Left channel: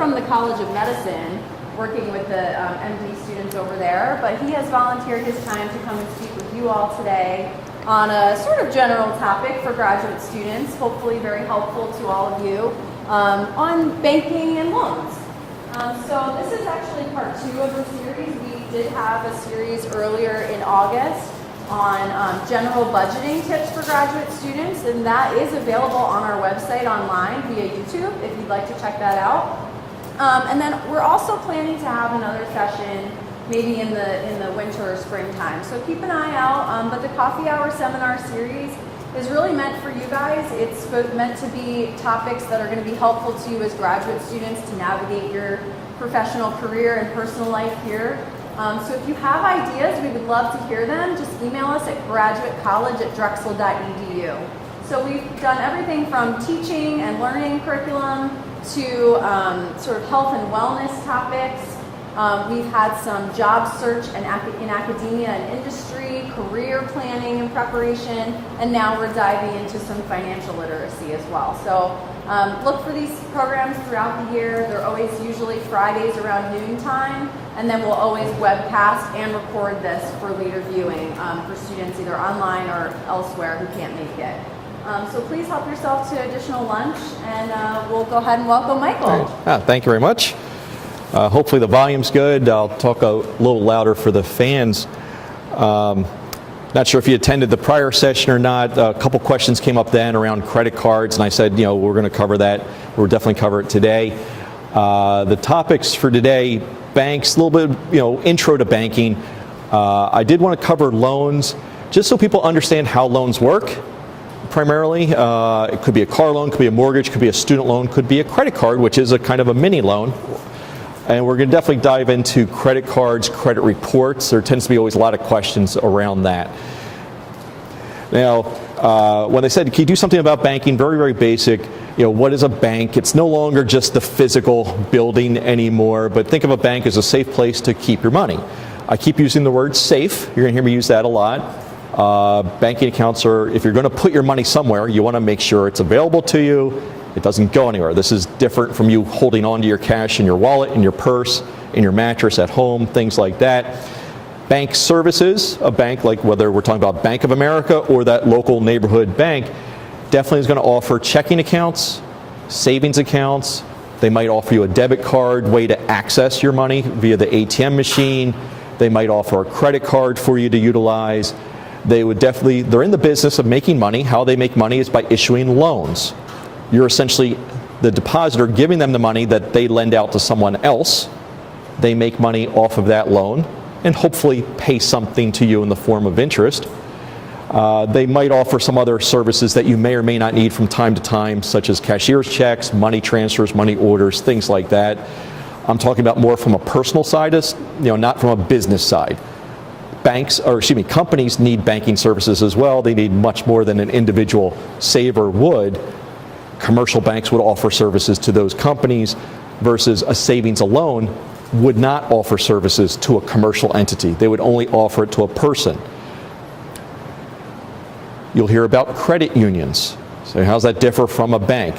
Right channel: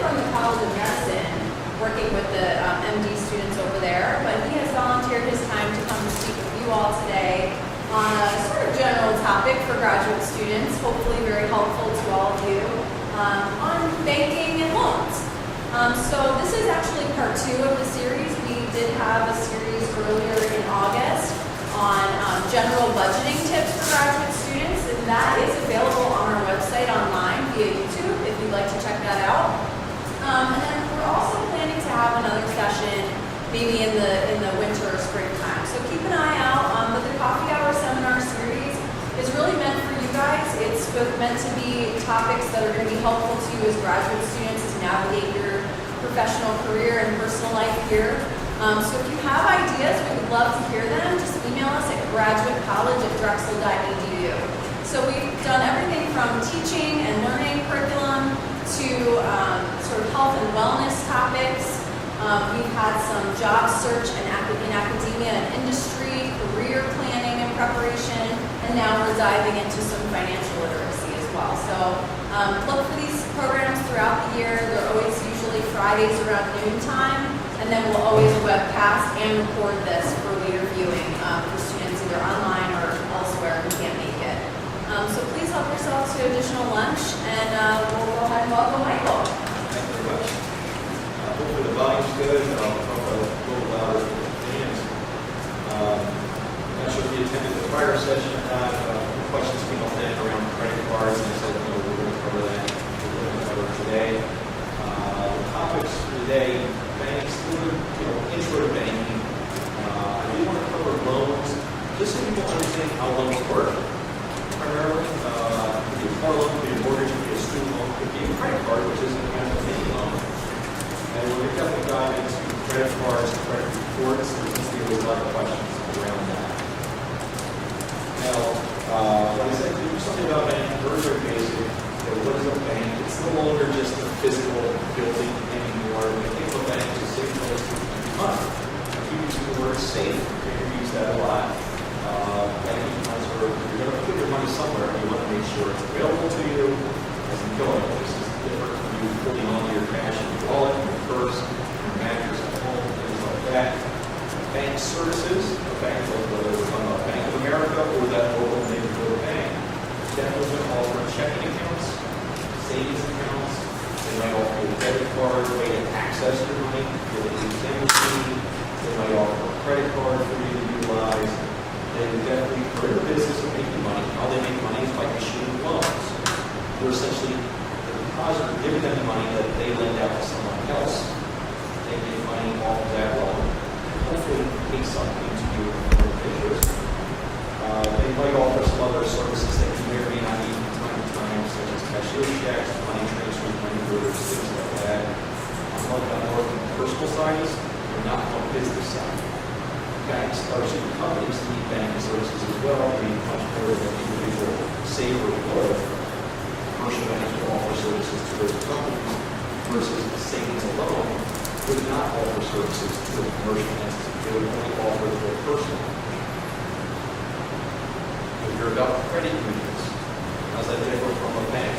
from the College of Medicine, working with the MD students over there, but he has volunteered his time to come and speak with you all today on a sort of general topic for graduate students, hopefully very helpful to all of you, on banking and loans. So this is actually part 2 of the series. We did have a series earlier in August on general budgeting tips for graduate students, and that is available on our website online via YouTube if you'd like to check that out. And then we're also planning to have another session maybe in the winter or springtime. So keep an eye out. But the Coffee Hour Seminar Series is really meant for you guys. It's meant to be topics that are going to be helpful to you as graduate students to navigate your professional career and personal life here. So if you have ideas, we would love to hear them. Just email us at graduatecollege@drexel.edu. So we've done everything from teaching and learning curriculum to sort of health and wellness topics. We've had some job search in academia and industry, career planning and preparation, and now we're diving into some financial literacy as well. So look for these programs throughout the year. They're always usually Fridays around noontime, and then we'll always webcast and record this for later viewing for students either online or elsewhere who can't make it. So please help yourself to additional lunch, and we'll go ahead and welcome Michael. Thank you very much. Hopefully the volume's good. I'll talk a little louder for the fans. Not sure if you attended the prior session or not. A couple questions came up then around credit cards, and I said, we're going to cover that. We'll definitely cover it today. The topics for today, banks, a little bit, intro to banking. I did want to cover loans, just so people understand how loans work. Primarily, it could be a car loan, could be a mortgage, could be a student loan, could be a credit card, which is a kind of a mini loan. And we're going to definitely dive into credit cards, credit reports. There tends to be always a lot of questions around that. Now, when they said, can you do something about banking? Very, very basic. What is a bank? It's no longer just the physical building anymore, but think of a bank as a safe place to keep your money. I keep using the word safe. You're going to hear me use that a lot. Banking accounts are, if you're going to put your money somewhere, you want to make sure it's available to you. It doesn't go anywhere. This is different from you holding on to your cash in your wallet, in your purse, in your mattress at home, things like that. Bank services, a bank like whether we're talking about Bank of America or that local neighborhood bank, definitely is going to offer checking accounts, savings accounts. They might offer you a debit card, way to access your money via the ATM machine. They might offer a credit card for you to utilize. They're in the business of making money. How they make money is by issuing loans. You're essentially the depositor giving them the money that they lend out to someone else. They make money off of that loan and hopefully pay something to you in the form of interest. They might offer some other services that you may or may not need from time to time, such as cashier's checks, money transfers, money orders, things like that. I'm talking about more from a personal side, not from a business side. Companies need banking services as well. They need much more than an individual saver would. Commercial banks would offer services to those companies versus a savings alone would not offer services to a commercial entity. They would only offer it to a person. You'll hear about credit unions. So how does that differ from a bank?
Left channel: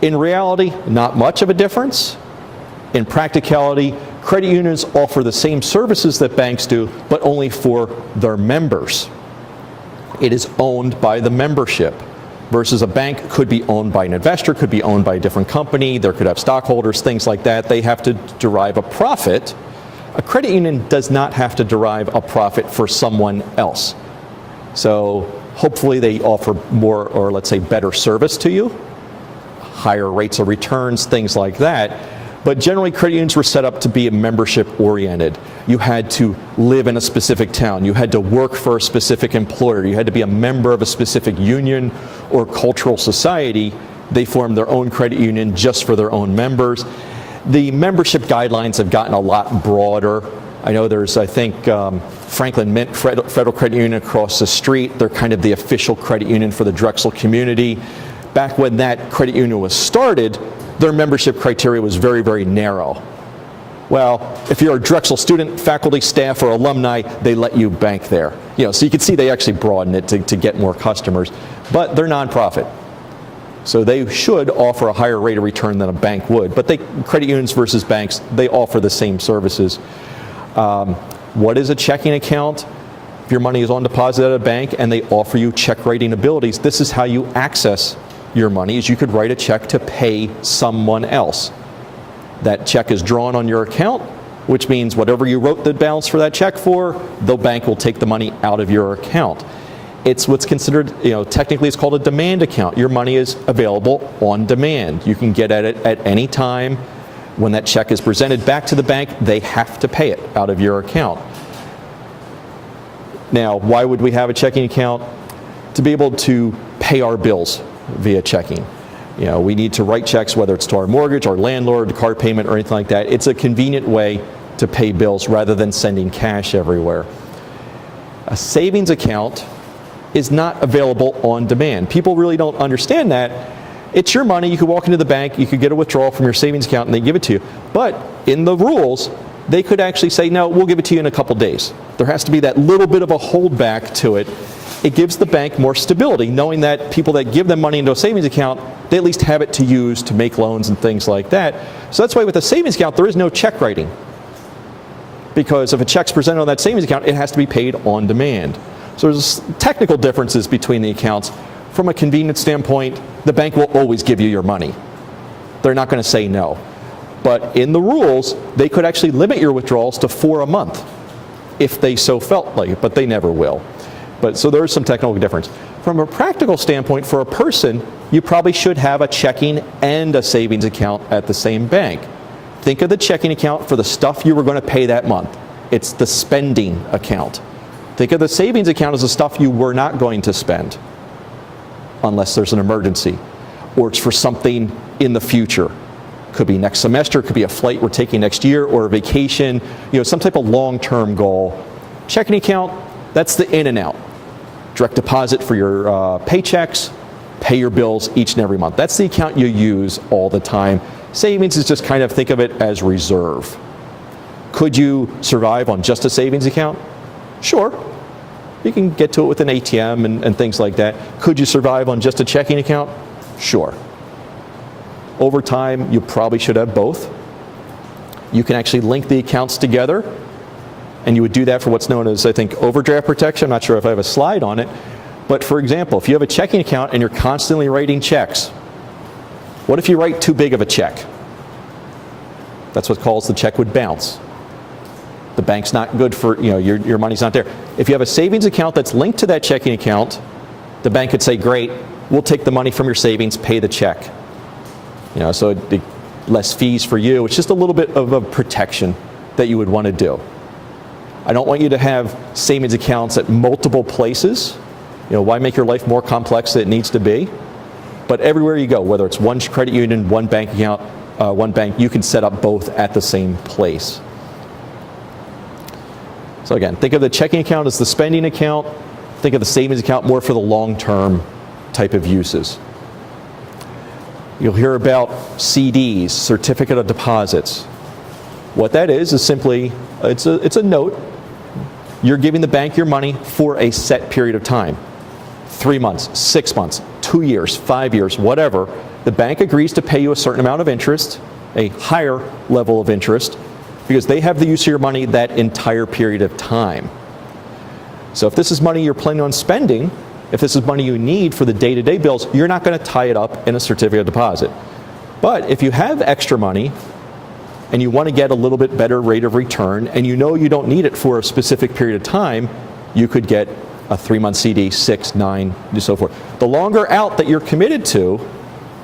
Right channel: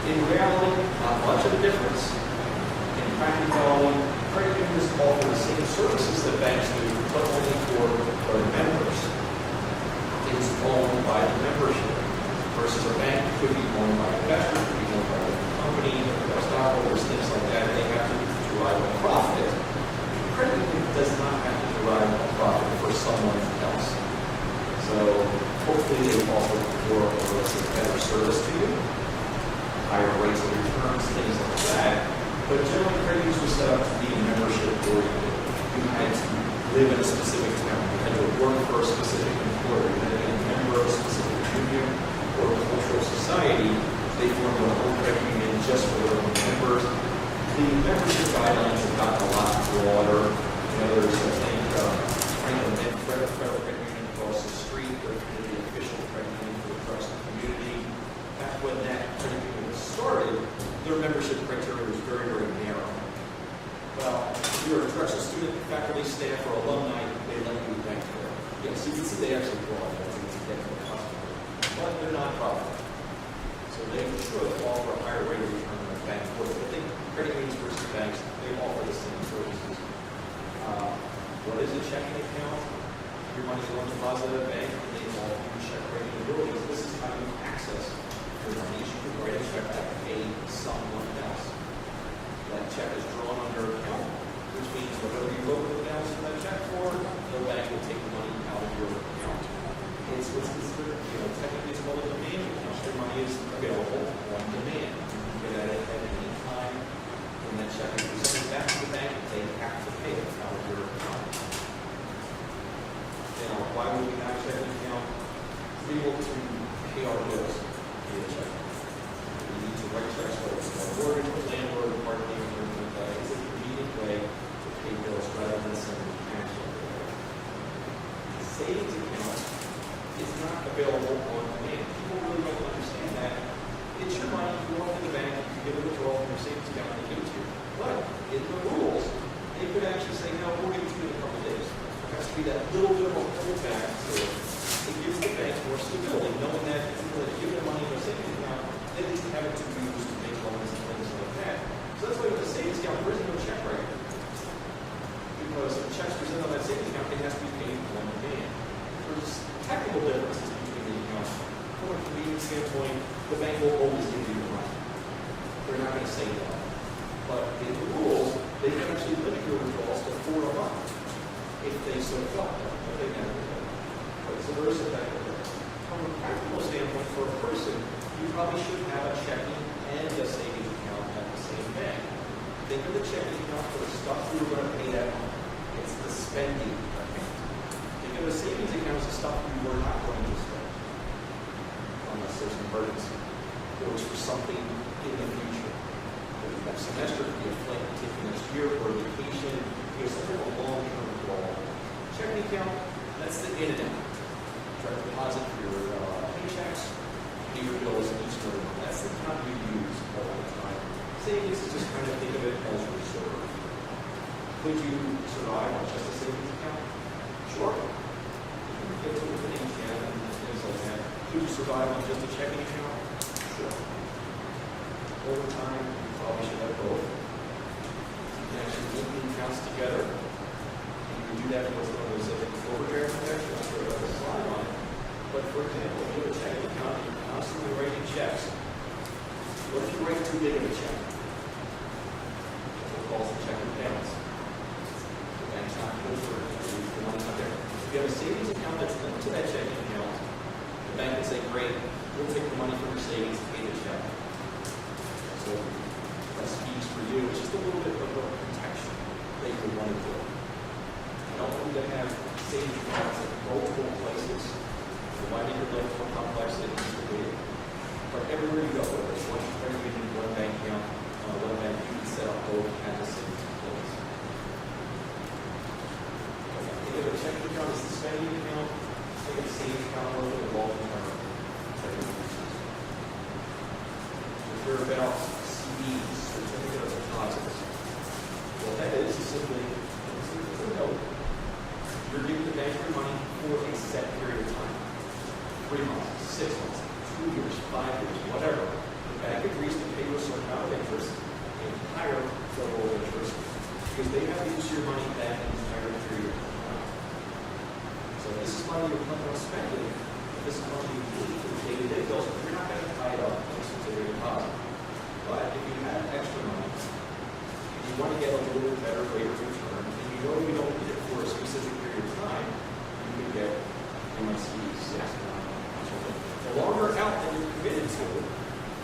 In reality, not much of a difference. In practicality, credit unions offer the same services that banks do, but only for their members. It is owned by the membership. Versus a bank could be owned by an investor, could be owned by a different company, there could have stockholders, things like that. They have to derive a profit. A credit union does not have to derive a profit for someone else. So hopefully they offer more, or let's say better service to you, higher rates of returns, things like that. But generally credit unions were set up to be membership oriented. You had to live in a specific town. You had to work for a specific employer. You had to be a member of a specific union or cultural society. They formed their own credit union just for their own members. The membership guidelines have gotten a lot broader. I know there's, Franklin Mint Federal Credit Union across the street. They're kind of the official credit union for the Drexel community. Back when that credit union was started, their membership criteria was very, very narrow. Well, if you're a Drexel student, faculty, staff, or alumni, they let you bank there. So you can see they actually broaden it to get more customers. But they're nonprofit. So they should offer a higher rate of return than a bank would. But credit unions versus banks, they offer the same services. What is a checking account? If your money is on deposit at a bank and they offer you check writing abilities, this is how you access your money, is you could write a check to pay someone else. That check is drawn on your account, which means whatever you wrote the balance for that check for, the bank will take the money out of your account. It's what's considered, technically it's called a demand account. Your money is available on demand. You can get at it at any time. When that check is presented back to the bank, they have to pay it out of your account. Now, why would we have a checking account? To be able to pay our bills via checking. We need to write checks, whether it's to our mortgage, our landlord, car payment, or anything like that. It's a convenient way to pay bills rather than sending cash everywhere. A savings account is not available on demand. People really don't understand that. It's your money. You could walk into the bank, you could get a withdrawal from your savings account, and they give it to you. But in the rules, they could actually say, no, we'll give it to you in a couple days. There has to be that little bit of a holdback to it. It gives the bank more stability, knowing that people that give them money into a savings account, they at least have it to use to make loans and things like that. So that's why with a savings account, there is no check writing. Because if a check's presented on that savings account, it has to be paid on demand. So there's technical differences between the accounts. From a convenience standpoint, the bank will always give you your money. They're not going to say no. But in the rules, they could actually limit your withdrawals to 4 a month if they so felt like it, but they never will. So there is some technical difference. From a practical standpoint, for a person, you probably should have a checking and a savings account at the same bank. Think of the checking account for the stuff you were going to pay that month. It's the spending account. Think of the savings account as the stuff you were not going to spend unless there's an emergency, or it's for something in the future. Could be next semester, could be a flight we're taking next year, or a vacation, some type of long-term goal. Checking account, that's the in and out. Direct deposit for your paychecks, pay your bills each and every month. That's the account you use all the time. Savings is just kind of, think of it as reserve. Could you survive on just a savings account? Sure. You can get to it with an ATM and things like that. Could you survive on just a checking account? Sure. Over time, you probably should have both. You can actually link the accounts together, and you would do that for what's known as, I think, overdraft protection. I'm not sure if I have a slide on it. But for example, if you have a checking account and you're constantly writing checks, what if you write too big of a check? That's what calls the check would bounce. The bank's not good for, your money's not there. If you have a savings account that's linked to that checking account, the bank could say, great, we'll take the money from your savings, pay the check. So less fees for you. It's just a little bit of a protection that you would want to do. I don't want you to have savings accounts at multiple places. Why make your life more complex than it needs to be? But everywhere you go, whether it's one credit union, one bank account, one bank, you can set up both at the same place. So again, think of the checking account as the spending account. Think of the savings account more for the long-term type of uses. You'll hear about CDs, certificate of deposits. What that is simply, it's a note. You're giving the bank your money for a set period of time. 3 months, 6 months, 2 years, 5 years, whatever. The bank agrees to pay you a certain amount of interest, a higher level of interest, because they have the use of your money that entire period of time. So if this is money you're planning on spending, if this is money you need for the day-to-day bills, you're not going to tie it up in a certificate of deposit. But if you have extra money and you want to get a little bit better rate of return and you know you don't need it for a specific period of time, you could get a 3-month CD, 6, 9, and so forth. The longer out that you're committed to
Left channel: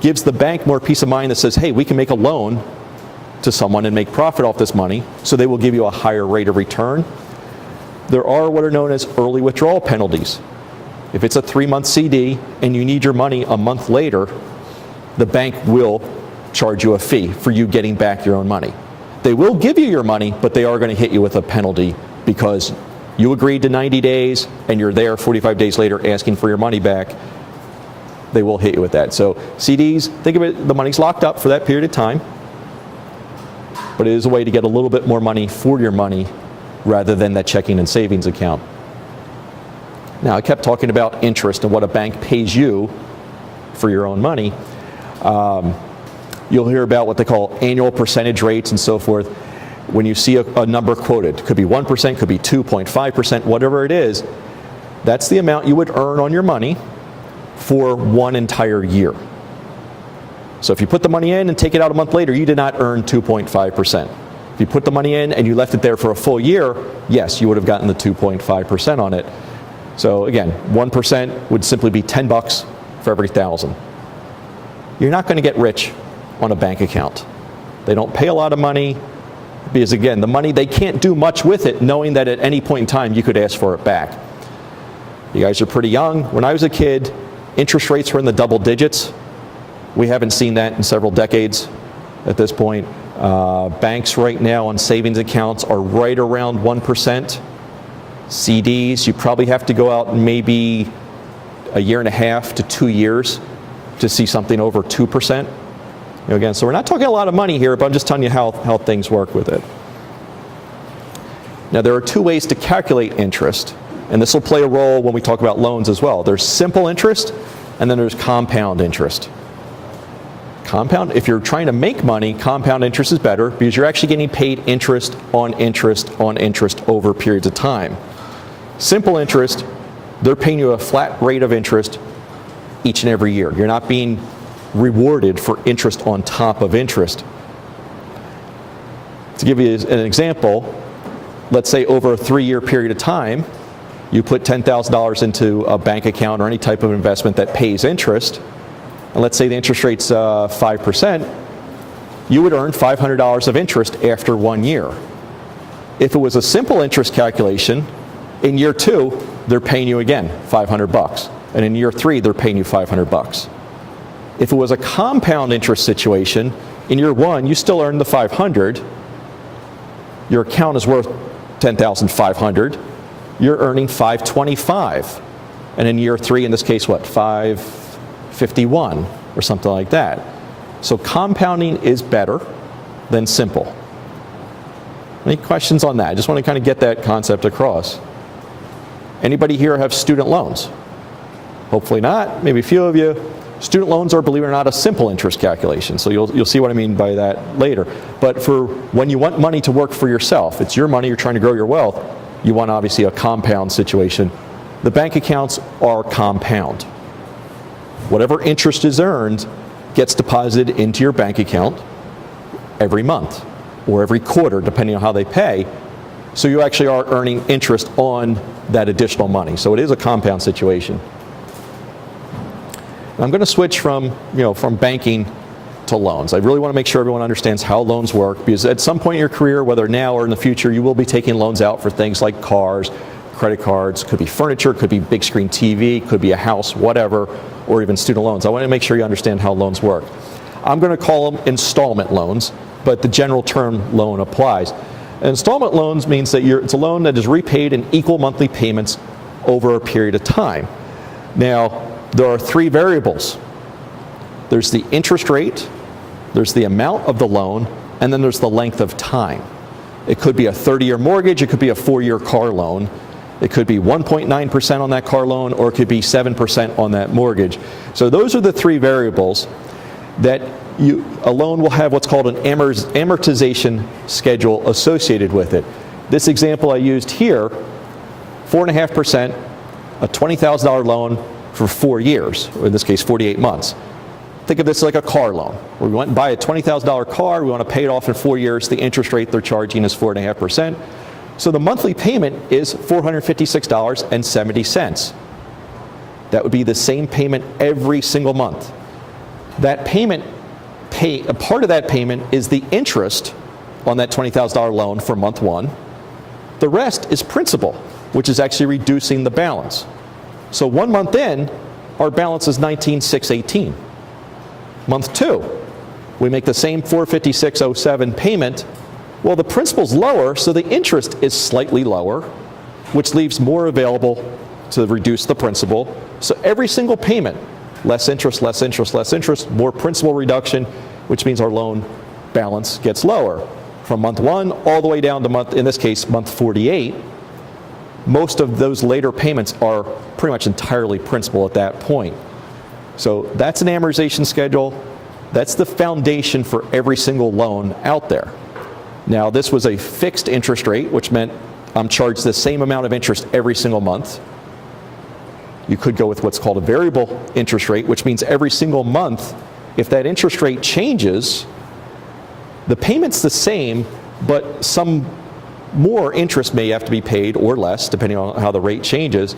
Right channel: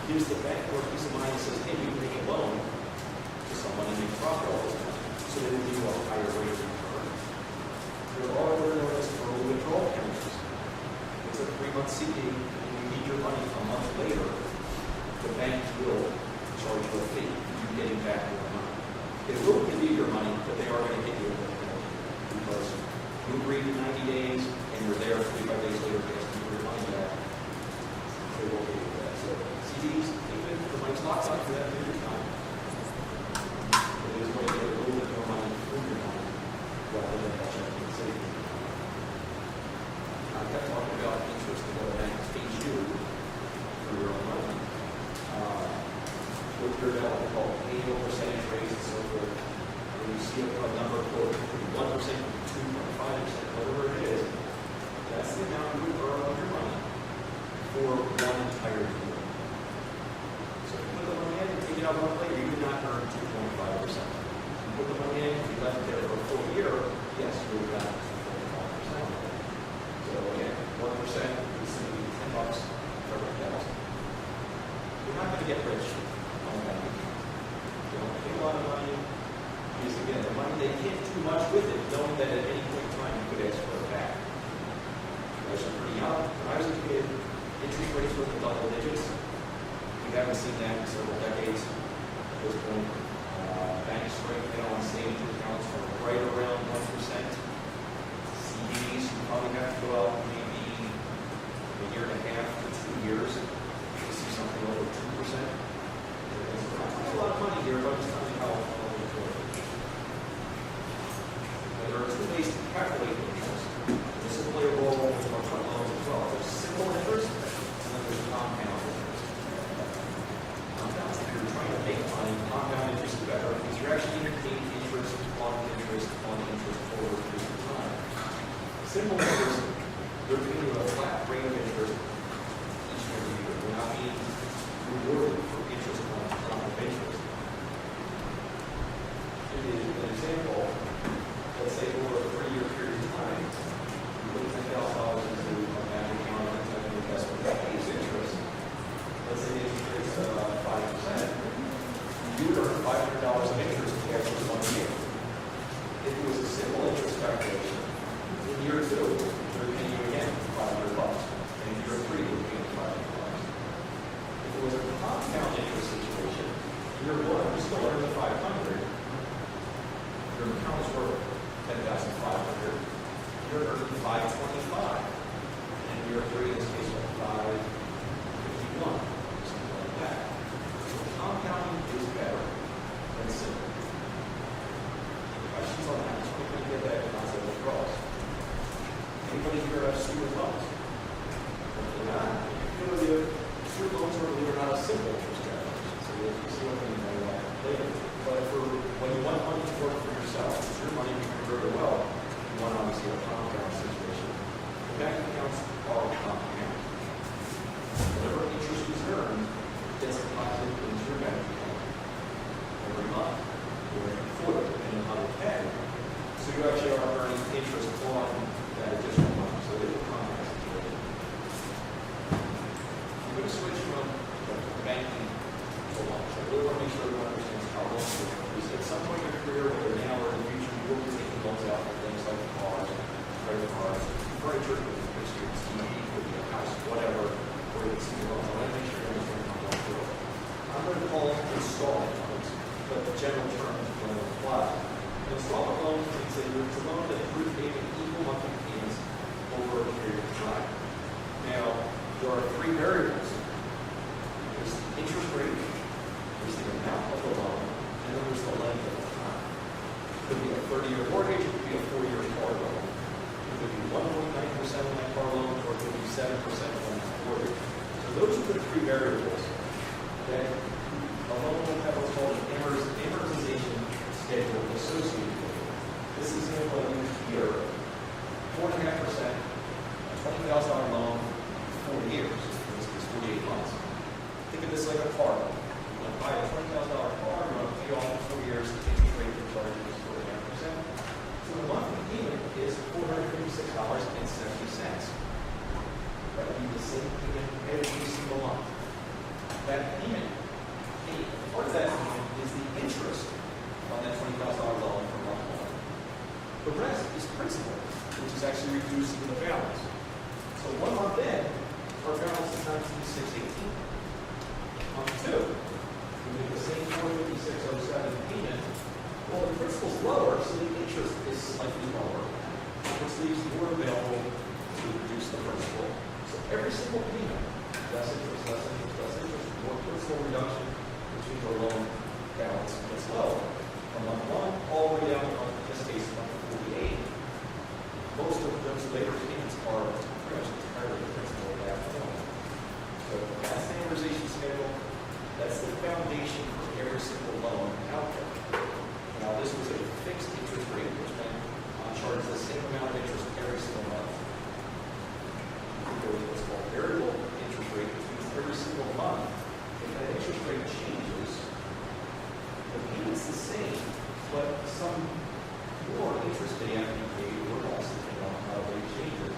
gives the bank more peace of mind that says, hey, we can make a loan to someone and make profit off this money, so they will give you a higher rate of return. There are what are known as early withdrawal penalties. If it's a 3-month CD and you need your money a month later, the bank will charge you a fee for you getting back your own money. They will give you your money, but they are going to hit you with a penalty because you agreed to 90 days and you're there 45 days later asking for your money back. They will hit you with that. So CDs, think of it, the money's locked up for that period of time, but it is a way to get a little bit more money for your money rather than that checking and savings account. Now, I kept talking about interest and what a bank pays you for your own money. You'll hear about what they call annual percentage rates and so forth. When you see a number quoted, could be 1%, could be 2.5%, whatever it is, that's the amount you would earn on your money for one entire year. So if you put the money in and take it out a month later, you did not earn 2.5%. If you put the money in and you left it there for a full year, yes, you would have gotten the 2.5% on it. So again, 1% would simply be $10 for every 1,000. You're not going to get rich on a bank account. They don't pay a lot of money because, again, the money, they can't do much with it knowing that at any point in time you could ask for it back. You guys are pretty young. When I was a kid, interest rates were in the double digits. We haven't seen that in several decades at this point. Banks right now on savings accounts are right around 1%. CDs, you probably have to go out maybe a year and a half to 2 years to see something over 2%. Again, so we're not talking a lot of money here, but I'm just telling you how things work with it. Now, there are two ways to calculate interest, and this will play a role when we talk about loans as well. There's simple interest, and then there's compound interest. Compound, if you're trying to make money, compound interest is better because you're actually getting paid interest on interest on interest over periods of time. Simple interest, they're paying you a flat rate of interest each and every year. You're not being rewarded for interest on top of interest. To give you an example, let's say over a 3-year period of time, you put $10,000 into a bank account or any type of investment that pays interest, and let's say the interest rate's 5%, you would earn $500 of interest after 1 year. If it was a simple interest calculation, in year 2, they're paying you again $500, and in year 3, they're paying you $500. If it was a compound interest situation, in year 1, you still earn the $500. Your account is worth $10,500. You're earning $525, and in year 3, in this case, what, $551 or something like that. So compounding is better than simple. Any questions on that? I just want to kind of get that concept across. Anybody here have student loans? Hopefully not. Maybe a few of you. Student loans are, believe it or not, a simple interest calculation. So you'll see what I mean by that later. But for when you want money to work for yourself, it's your money, you're trying to grow your wealth, you want obviously a compound situation. The bank accounts are compound. Whatever interest is earned gets deposited into your bank account every month or every quarter, depending on how they pay. So you actually are earning interest on that additional money. So it is a compound situation. I'm going to switch from banking to loans. I really want to make sure everyone understands how loans work, because at some point in your career, whether now or in the future, you will be taking loans out for things like cars, credit cards, could be furniture, could be big screen TV, could be a house, whatever, or even student loans. I want to make sure you understand how loans work. I'm going to call them installment loans, but the general term loan applies. Installment loans means that it's a loan that is repaid in equal monthly payments over a period of time. Now, there are 3 variables. There's the interest rate, there's the amount of the loan, and then there's the length of time. It could be a 30-year mortgage, it could be a 4-year car loan, it could be 1.9% on that car loan, or it could be 7% on that mortgage. So those are the 3 variables that a loan will have what's called an amortization schedule associated with it. This example I used here, 4.5%, a $20,000 loan for 4 years, or in this case 48 months. Think of this like a car loan. We want to buy a $20,000 car, we want to pay it off in 4 years, the interest rate they're charging is 4.5%. So the monthly payment is $456.70. That would be the same payment every single month. That payment, a part of that payment is the interest on that $20,000 loan for month 1. The rest is principal, which is actually reducing the balance. So 1 month in, our balance is $19,618. Month 2, we make the same $456.07 payment. Well, the principal's lower, so the interest is slightly lower, which leaves more available to reduce the principal. So every single payment, less interest, less interest, less interest, more principal reduction, which means our loan balance gets lower. From month 1 all the way down to month, in this case, month 48, most of those later payments are pretty much entirely principal at that point. So that's an amortization schedule. That's the foundation for every single loan out there. Now, this was a fixed interest rate, which meant I'm charged the same amount of interest every single month. You could go with what's called a variable interest rate, which means every single month, if that interest rate changes, the payment's the same, but some more interest may have to be paid or less, depending on how the rate changes.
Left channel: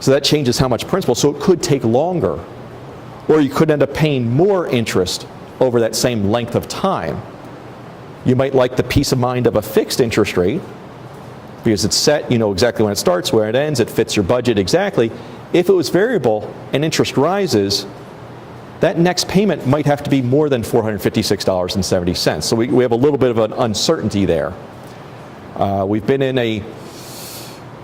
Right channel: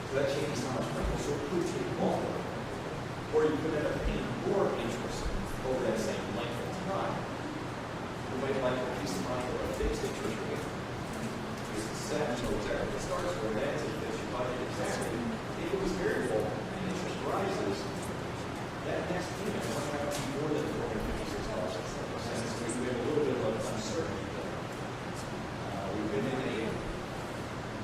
So that changes how much principal. So it could take longer. Or you could end up paying more interest over that same length of time. You might like the peace of mind of a fixed interest rate because it's set, you know exactly when it starts, where it ends, it fits your budget exactly. If it was variable and interest rises, that next payment might have to be more than $456.70. So we have a little bit of an uncertainty there. We've been in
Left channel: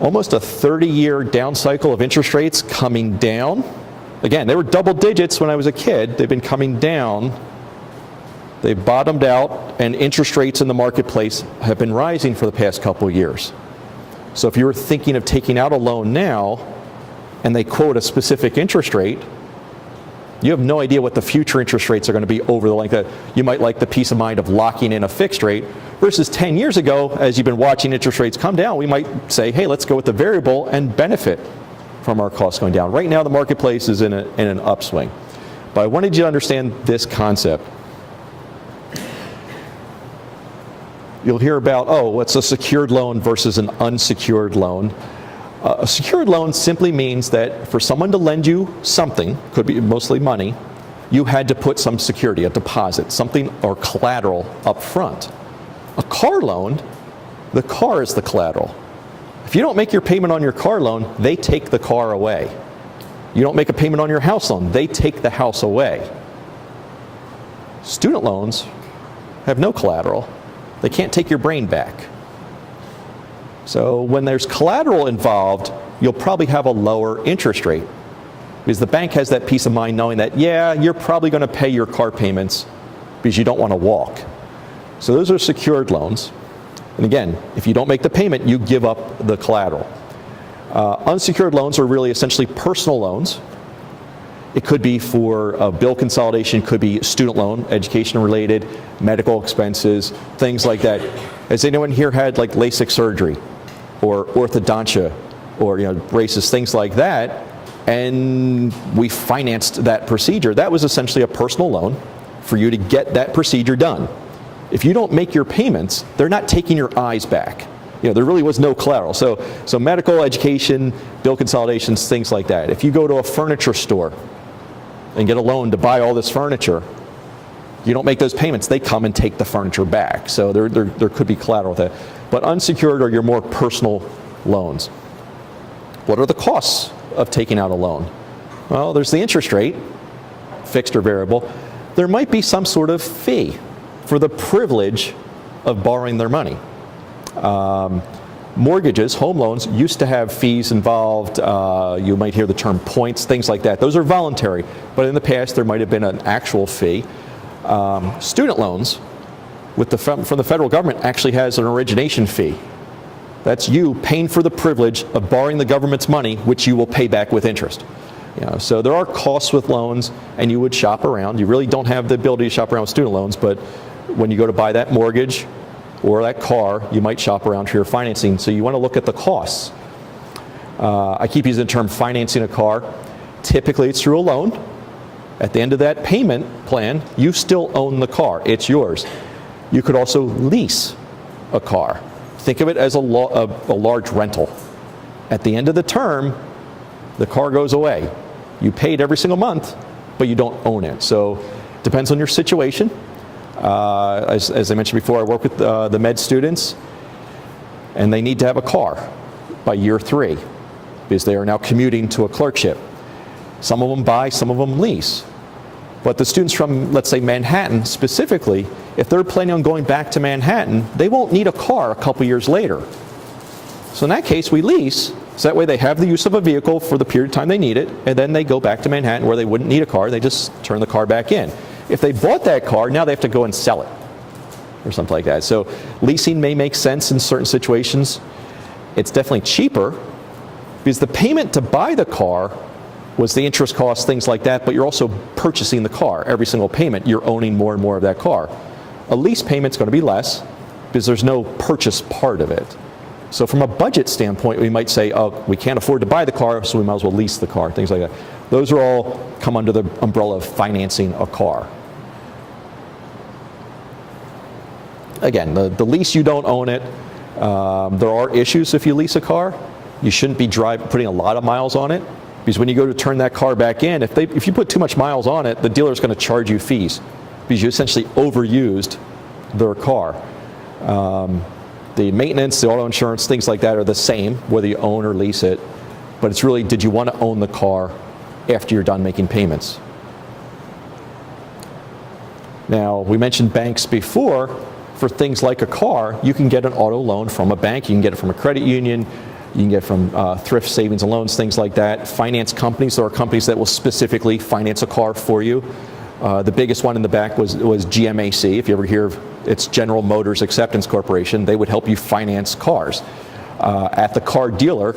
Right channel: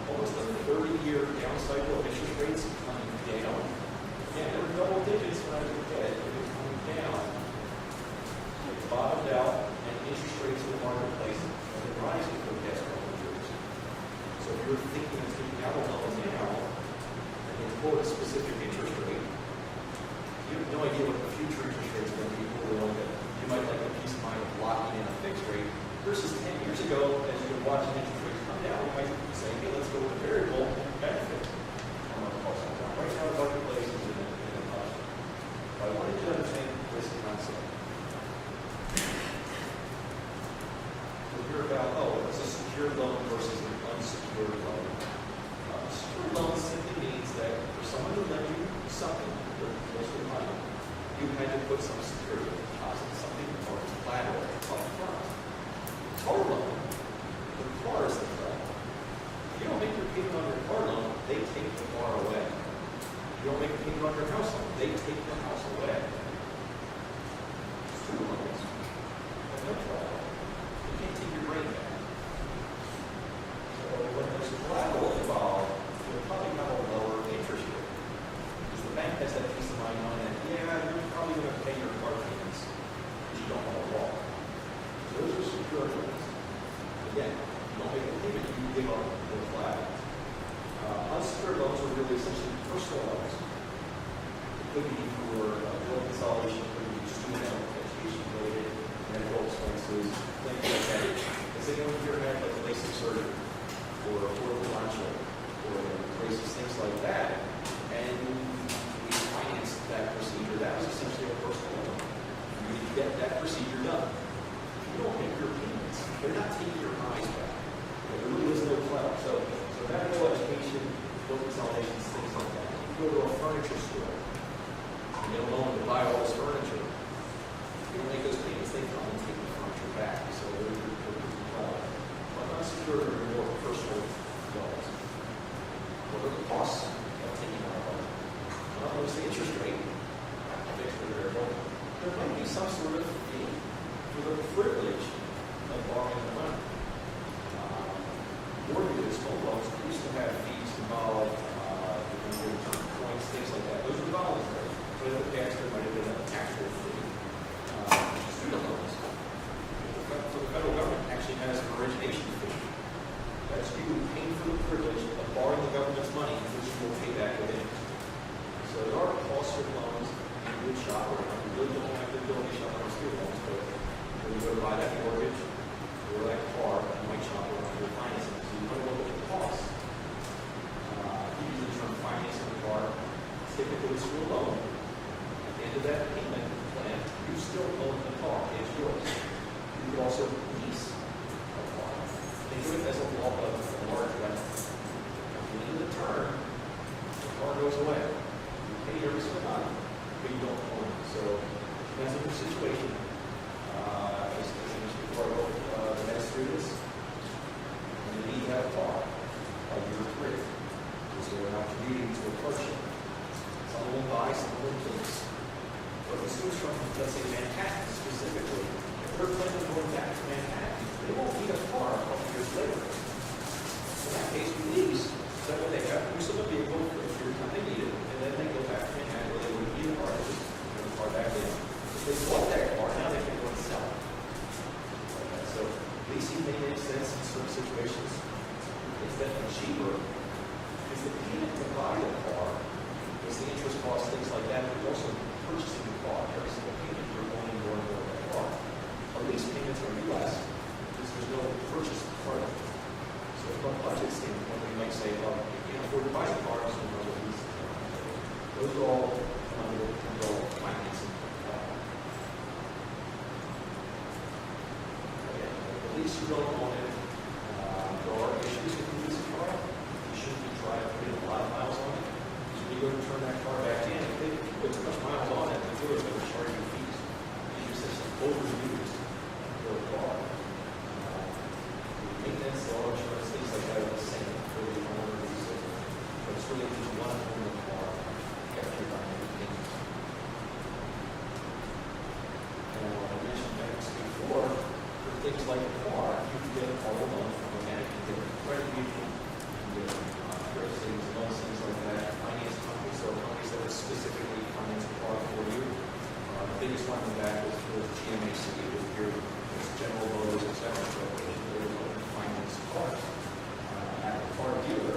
almost a 30-year down cycle of interest rates coming down. Again, they were double digits when I was a kid. They've been coming down. They've bottomed out, and interest rates in the marketplace have been rising for the past couple of years. So if you were thinking of taking out a loan now, and they quote a specific interest rate, you have no idea what the future interest rates are going to be over the length of. You might like the peace of mind of locking in a fixed rate, versus 10 years ago, as you've been watching interest rates come down, we might say, hey, let's go with the variable and benefit from our costs going down. Right now, the marketplace is in an upswing. But I wanted you to understand this concept. You'll hear about, oh, what's a secured loan versus an unsecured loan. A secured loan simply means that for someone to lend you something, could be mostly money, you had to put some security, a deposit, something or collateral up front. A car loan, the car is the collateral. If you don't make your payment on your car loan, they take the car away. You don't make a payment on your house loan, they take the house away. Student loans have no collateral. They can't take your brain back. So when there's collateral involved, you'll probably have a lower interest rate because the bank has that peace of mind knowing that, yeah, you're probably going to pay your car payments because you don't want to walk. So those are secured loans. And again, if you don't make the payment, you give up the collateral. Unsecured loans are really essentially personal loans. It could be for a bill consolidation, could be student loan, education related, medical expenses, things like that. Has anyone here had like LASIK surgery or orthodontia or braces, things like that, and we financed that procedure? That was essentially a personal loan for you to get that procedure done. If you don't make your payments, they're not taking your eyes back. There really was no collateral. So medical, education, bill consolidations, things like that. If you go to a furniture store and get a loan to buy all this furniture, you don't make those payments, they come and take the furniture back. So there could be collateral there. But unsecured are your more personal loans. What are the costs of taking out a loan? Well, there's the interest rate, fixed or variable. There might be some sort of fee for the privilege of borrowing their money. Mortgages, home loans, used to have fees involved. You might hear the term points, things like that. Those are voluntary, but in the past there might have been an actual fee. Student loans from the federal government actually has an origination fee. That's you paying for the privilege of borrowing the government's money, which you will pay back with interest. So there are costs with loans, and you would shop around. You really don't have the ability to shop around with student loans, but when you go to buy that mortgage or that car, you might shop around for your financing. So you want to look at the costs. I keep using the term financing a car. Typically, it's through a loan. At the end of that payment plan, you still own the car. It's yours. You could also lease a car. Think of it as a large rental. At the end of the term, the car goes away. You paid every single month, but you don't own it. So it depends on your situation. As I mentioned before, I work with the med students, and they need to have a car by year 3 because they are now commuting to a clerkship. Some of them buy, some of them lease. But the students from, let's say, Manhattan specifically, if they're planning on going back to Manhattan, they won't need a car a couple years later. So in that case, we lease, so that way they have the use of a vehicle for the period of time they need it, and then they go back to Manhattan where they wouldn't need a car, they just turn the car back in. If they bought that car, now they have to go and sell it, or something like that. So leasing may make sense in certain situations. It's definitely cheaper, because the payment to buy the car What's the interest cost, things like that, but you're also purchasing the car. Every single payment, you're owning more and more of that car. A lease payment's going to be less because there's no purchase part of it. So from a budget standpoint, we might say, oh, we can't afford to buy the car, so we might as well lease the car, things like that. Those are all come under the umbrella of financing a car. Again, the lease, you don't own it. There are issues if you lease a car. You shouldn't be putting a lot of miles on it, because when you go to turn that car back in, if you put too much miles on it, the dealer's going to charge you fees because you essentially overused their car. The maintenance, the auto insurance, things like that are the same, whether you own or lease it. But it's really, did you want to own the car after you're done making payments? Now, we mentioned banks before. For things like a car, you can get an auto loan from a bank. You can get it from a credit union. You can get it from thrift savings and loans, things like that. Finance companies, there are companies that will specifically finance a car for you. The biggest one in the back was GMAC. If you ever hear of it's General Motors Acceptance Corporation, they would help you finance cars. At the car dealer,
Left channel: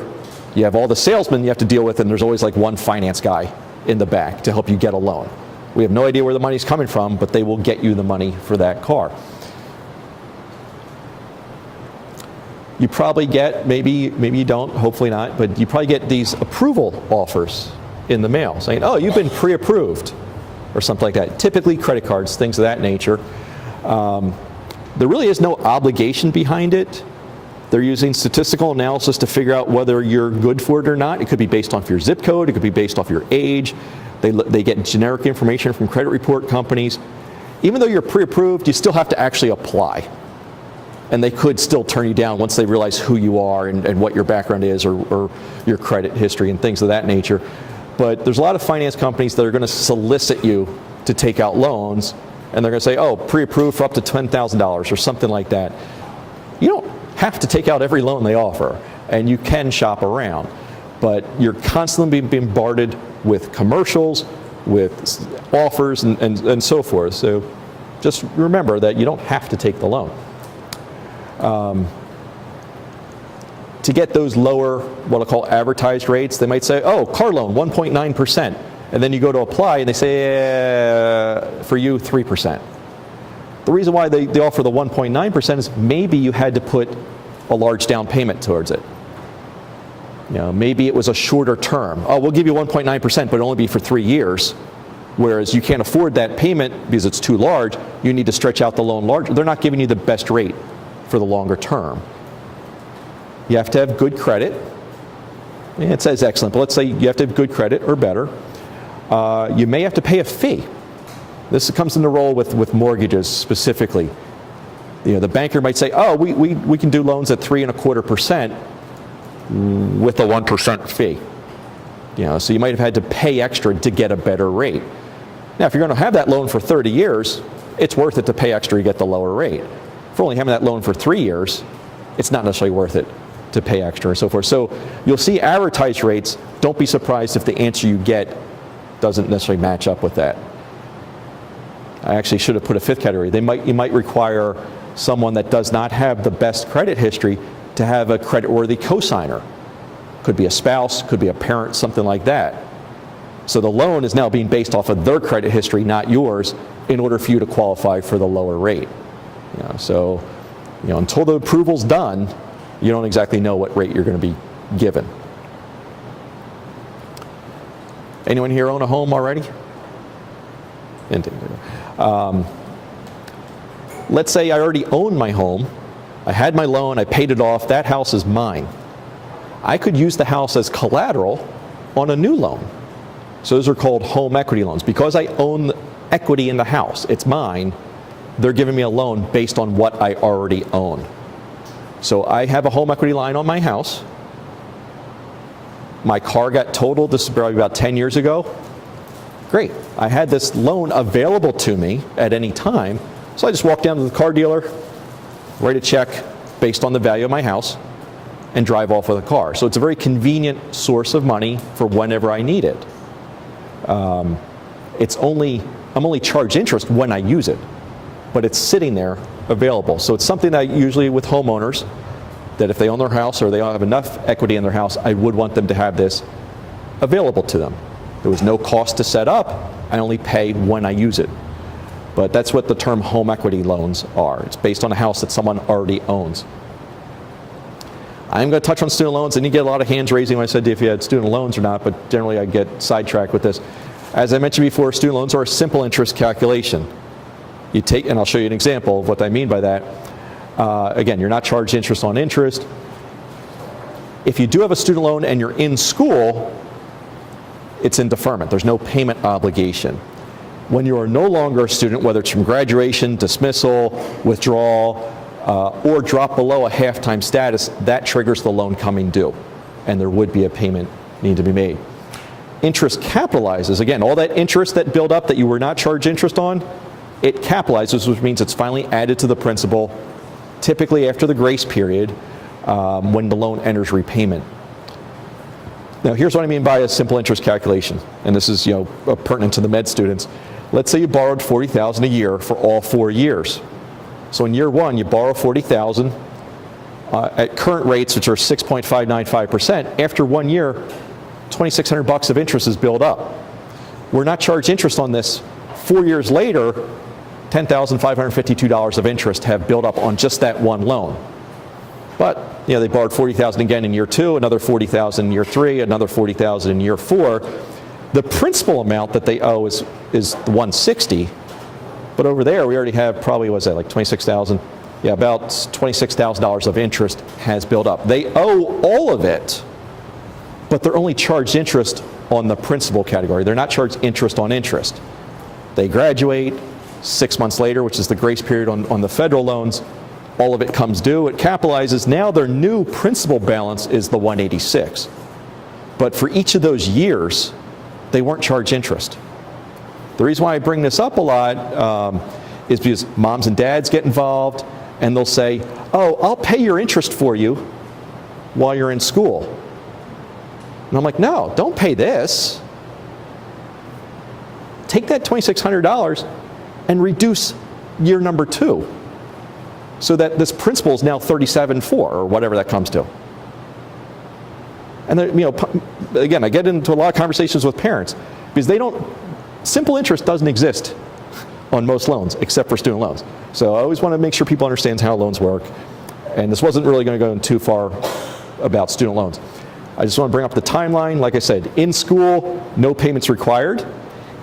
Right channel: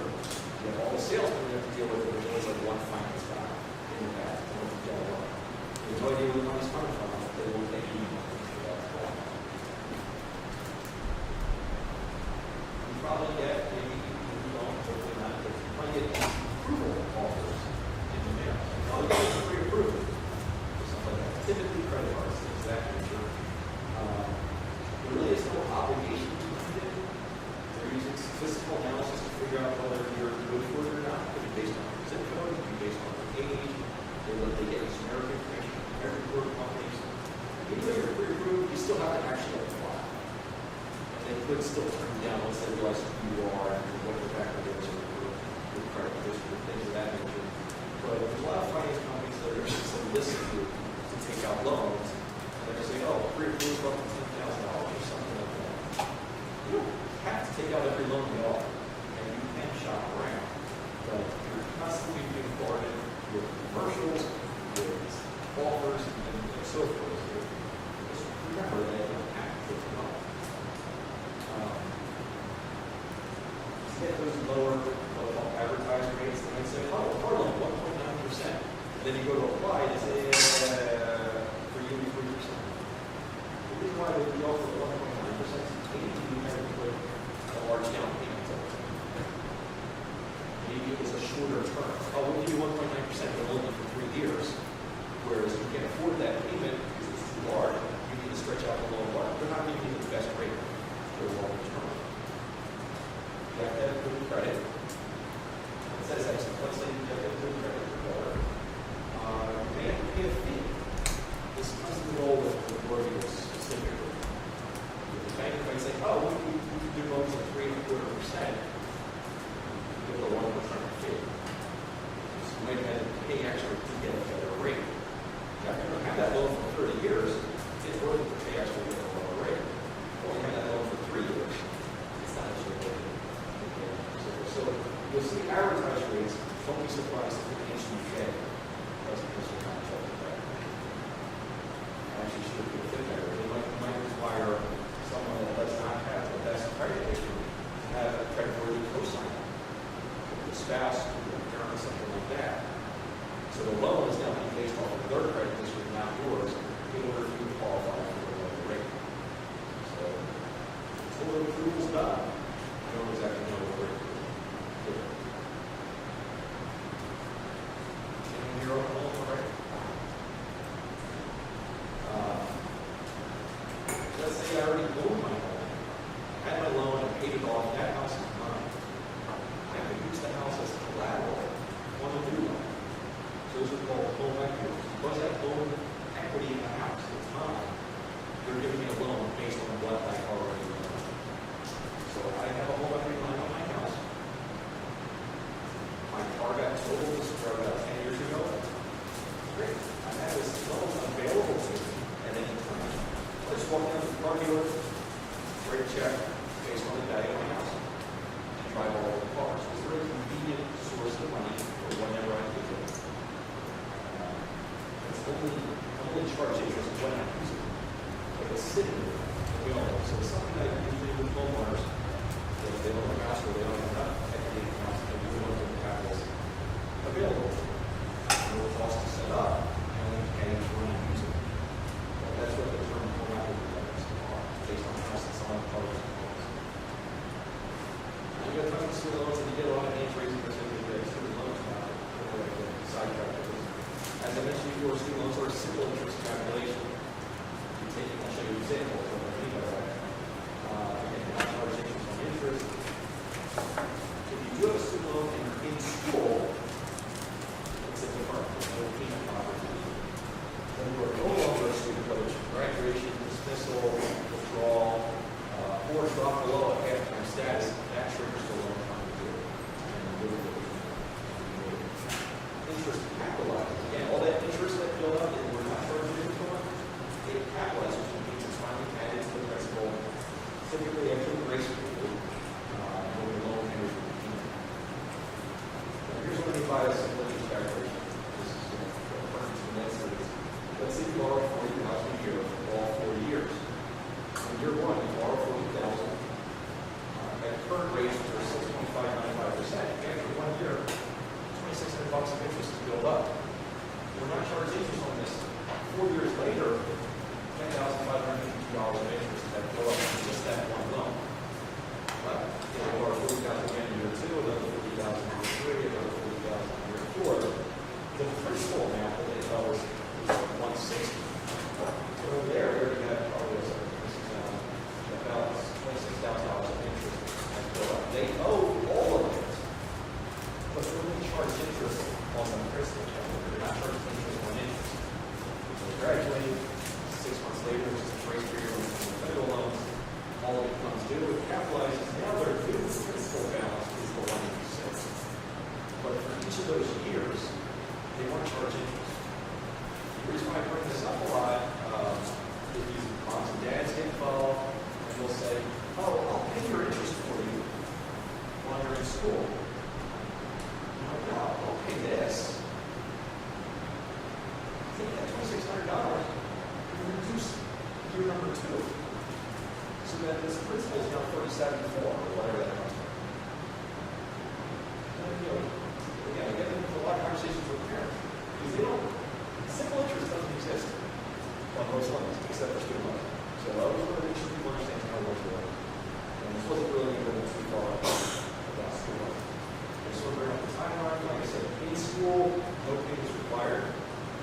you have all the salesmen you have to deal with, and there's always like one finance guy in the back to help you get a loan. We have no idea where the money's coming from, but they will get you the money for that car. You probably get, maybe you don't, hopefully not, but you probably get these approval offers in the mail saying, oh, you've been pre-approved, or something like that. Typically credit cards, things of that nature. There really is no obligation behind it. They're using statistical analysis to figure out whether you're good for it or not. It could be based off your zip code, it could be based off your age. They get generic information from credit report companies. Even though you're pre-approved, you still have to actually apply. And they could still turn you down once they realize who you are and what your background is, or your credit history and things of that nature. But there's a lot of finance companies that are going to solicit you to take out loans, and they're going to say, oh, pre-approved for up to $10,000 or something like that. You don't have to take out every loan they offer, and you can shop around. But you're constantly being bombarded with commercials, with offers, and so forth. So just remember that you don't have to take the loan. To get those lower, what I call advertised rates, they might say, oh, car loan, 1.9%. And then you go to apply, and they say, for you, 3%. The reason why they offer the 1.9% is maybe you had to put a large down payment towards it. You know, maybe it was a shorter term. Oh, we'll give you 1.9%, but it'll only be for 3 years. Whereas you can't afford that payment because it's too large. You need to stretch out the loan larger. They're not giving you the best rate for the longer term. You have to have good credit. It says excellent, but let's say you have to have good credit or better. You may have to pay a fee. This comes into role with mortgages specifically. You know, the banker might say, oh, we can do loans at 3.25% with a 1% fee. You know, so you might have had to pay extra to get a better rate. Now, if you're going to have that loan for 30 years, it's worth it to pay extra to get the lower rate. If you're only having that loan for 3 years, it's not necessarily worth it to pay extra and so forth. So you'll see advertised rates. Don't be surprised if the answer you get doesn't necessarily match up with that. I actually should have put a fifth category. You might require someone that does not have the best credit history to have a creditworthy cosigner. Could be a spouse, could be a parent, something like that. So the loan is now being based off of their credit history, not yours, in order for you to qualify for the lower rate. You know, so, you know, until the approval's done, you don't exactly know what rate you're going to be given. Anyone here own a home already? Let's say I already own my home. I had my loan, I paid it off, that house is mine. I could use the house as collateral on a new loan. So those are called home equity loans. Because I own equity in the house, it's mine, they're giving me a loan based on what I already own. So I have a home equity line on my house. My car got totaled, this is probably about 10 years ago. Great, I had this loan available to me at any time, so I just walk down to the car dealer, write a check based on the value of my house, and drive off with a car. So it's a very convenient source of money for whenever I need it. I'm only charged interest when I use it, but it's sitting there available. So it's something that usually with homeowners, that if they own their house or they don't have enough equity in their house, I would want them to have this available to them. There was no cost to set up. I only pay when I use it. But that's what the term home equity loans are. It's based on a house that someone already owns. I'm going to touch on student loans, and you get a lot of hands raising when I said if you had student loans or not, but generally I get sidetracked with this. As I mentioned before, student loans are a simple interest calculation. You take, and I'll show you an example of what I mean by that. Again, you're not charged interest on interest. If you do have a student loan and you're in school, it's in deferment. There's no payment obligation. When you are no longer a student, whether it's from graduation, dismissal, withdrawal, or drop below a half-time status, that triggers the loan coming due, and there would be a payment need to be made. Interest capitalizes. Again, all that interest that built up that you were not charged interest on, it capitalizes, which means it's finally added to the principal, typically after the grace period, when the loan enters repayment. Now, here's what I mean by a simple interest calculation, and this is pertinent to the med students. Let's say you borrowed $40,000 a year for all 4 years. So in year one, you borrow $40,000 at current rates, which are 6.595%. After 1 year, $2,600 of interest is built up. We're not charged interest on this. 4 years later, $10,552 of interest have built up on just that one loan. But they borrowed $40,000 again in year two, another $40,000 in year three, another $40,000 in year four. The principal amount that they owe is $160,000. But over there, we already have probably, what was that, like $26,000? Yeah, about $26,000 of interest has built up. They owe all of it, but they're only charged interest on the principal category. They're not charged interest on interest. They graduate 6 months later, which is the grace period on the federal loans. All of it comes due. It capitalizes. Now their new principal balance is the $186,000. But for each of those years, they weren't charged interest. The reason why I bring this up a lot is because moms and dads get involved, and they'll say, oh, I'll pay your interest for you while you're in school. And I'm like, no, don't pay this. Take that $2,600 and reduce year number 2 so that this principal is now $37,400 or whatever that comes to. And then, again, I get into a lot of conversations with parents because simple interest doesn't exist on most loans except for student loans. So I always want to make sure people understand how loans work. And this wasn't really going to go in too far about student loans. I just want to bring up the timeline. Like I said, in school, no payments required.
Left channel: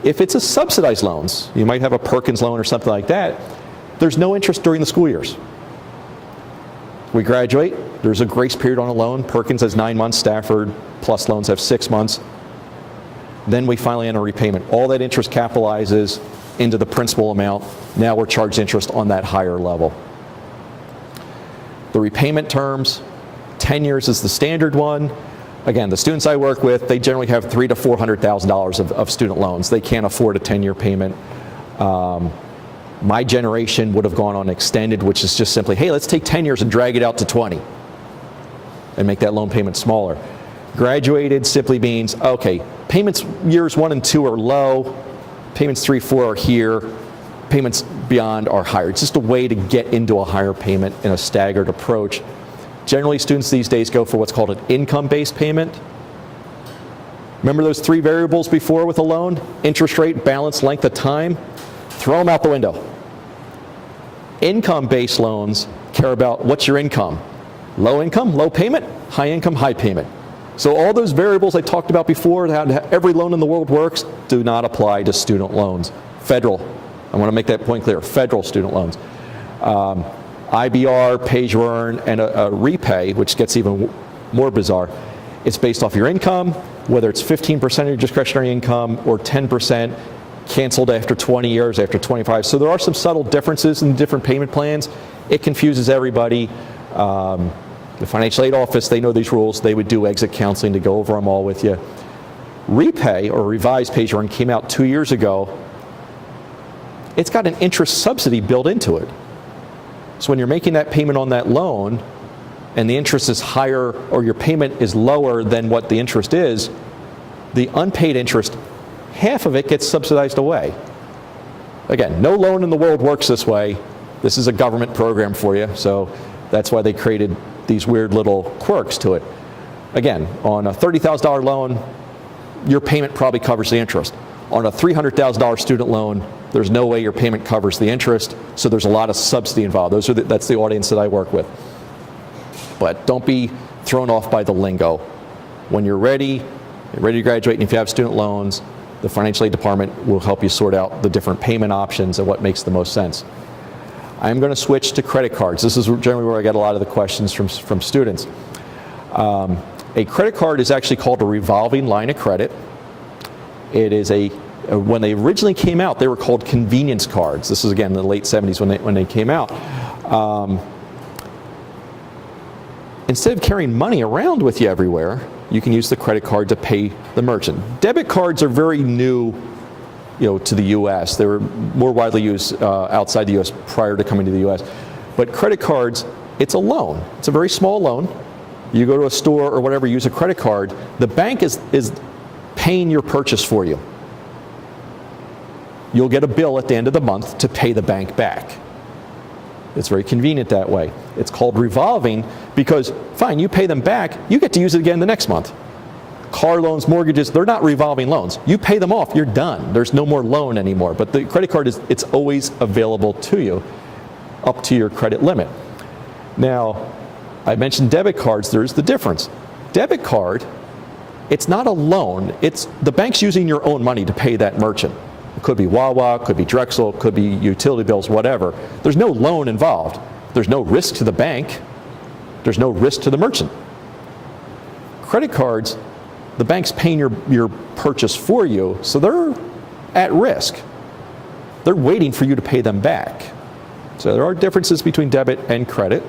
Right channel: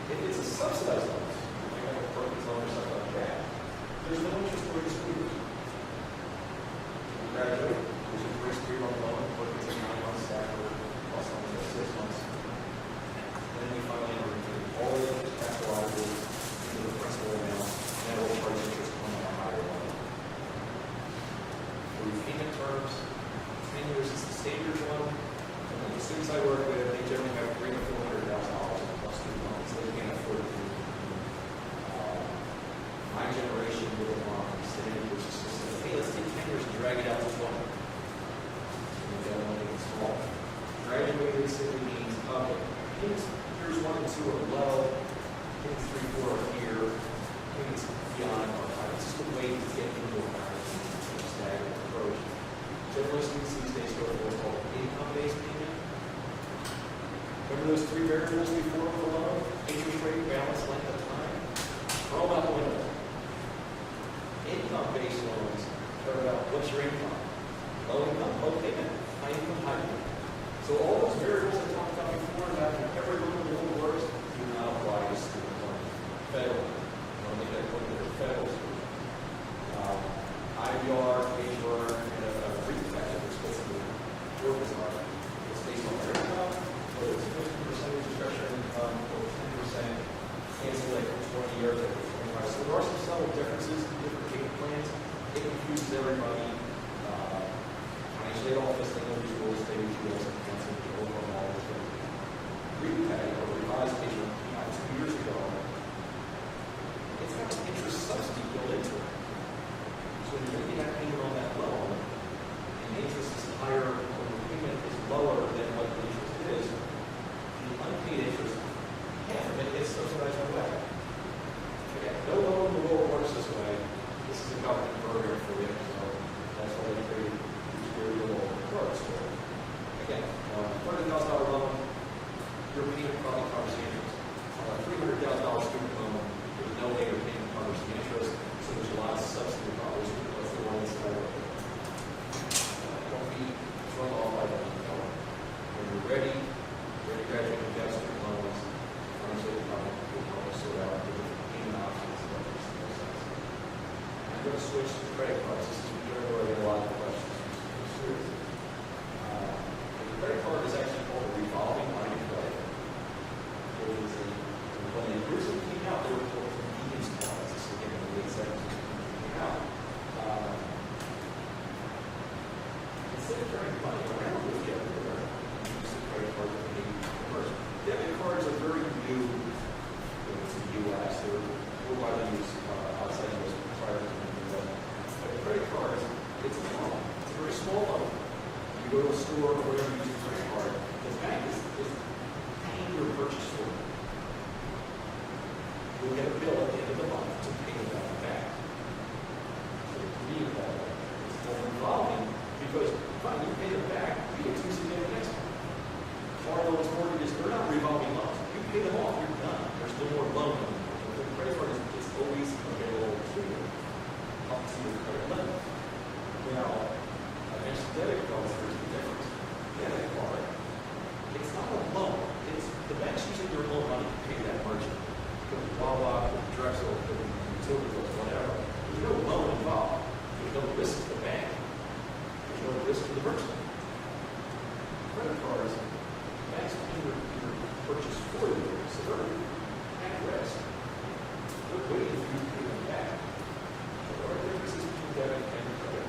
If it's a subsidized loans, you might have a Perkins loan or something like that, there's no interest during the school years. We graduate, there's a grace period on a loan. Perkins has 9 months, Stafford Plus loans have 6 months. Then we finally enter repayment. All that interest capitalizes into the principal amount. Now we're charged interest on that higher level. The repayment terms, 10 years is the standard one. Again, the students I work with, they generally have $300,000 to $400,000 of student loans. They can't afford a 10-year payment. My generation would have gone on extended, which is just simply, hey, let's take 10 years and drag it out to 20 and make that loan payment smaller. Graduated simply means, okay, payments years 1 and 2 are low, payments 3, 4 are here, payments beyond are higher. It's just a way to get into a higher payment in a staggered approach. Generally, students these days go for what's called an income-based payment. Remember those 3 variables before with a loan? Interest rate, balance, length of time? Throw them out the window. Income-based loans care about what's your income. Low income, low payment, high income, high payment. So all those variables I talked about before, how every loan in the world works, do not apply to student loans. Federal, I want to make that point clear, federal student loans. IBR, pay-as-you-earn, and a repay, which gets even more bizarre. It's based off your income, whether it's 15% of your discretionary income or 10% canceled after 20 years, after 25. So there are some subtle differences in the different payment plans. It confuses everybody. The financial aid office, they know these rules. They would do exit counseling to go over them all with you. Repay, or revised pay-as-you-earn, came out 2 years ago. It's got an interest subsidy built into it. So when you're making that payment on that loan and the interest is higher or your payment is lower than what the interest is, the unpaid interest, half of it gets subsidized away. Again, no loan in the world works this way. This is a government program for you, so that's why they created these weird little quirks to it. Again, on a $30,000 loan, your payment probably covers the interest. On a $300,000 student loan, there's no way your payment covers the interest, so there's a lot of subsidy involved. That's the audience that I work with. But don't be thrown off by the lingo. When you're ready to graduate, and if you have student loans, the financial aid department will help you sort out the different payment options and what makes the most sense. I'm going to switch to credit cards. This is generally where I get a lot of the questions from students. A credit card is actually called a revolving line of credit. It is when they originally came out, they were called convenience cards. This is again in the late 70s when they came out. Instead of carrying money around with you everywhere, you can use the credit card to pay the merchant. Debit cards are very new, to the U.S. They were more widely used outside the U.S. prior to coming to the U.S. But credit cards, it's a loan. It's a very small loan. You go to a store or whatever, use a credit card. The bank is paying your purchase for you. You'll get a bill at the end of the month to pay the bank back. It's very convenient that way. It's called revolving because, fine, you pay them back, you get to use it again the next month. Car loans, mortgages, they're not revolving loans. You pay them off, you're done. There's no more loan anymore. But the credit card, it's always available to you up to your credit limit. Now, I mentioned debit cards. There's the difference. Debit card, it's not a loan. It's the bank's using your own money to pay that merchant. It could be Wawa, could be Drexel, could be utility bills, whatever. There's no loan involved. There's no risk to the bank. There's no risk to the merchant. Credit cards, the bank's paying your purchase for you, so they're at risk. They're waiting for you to pay them back. So there are differences between debit and credit.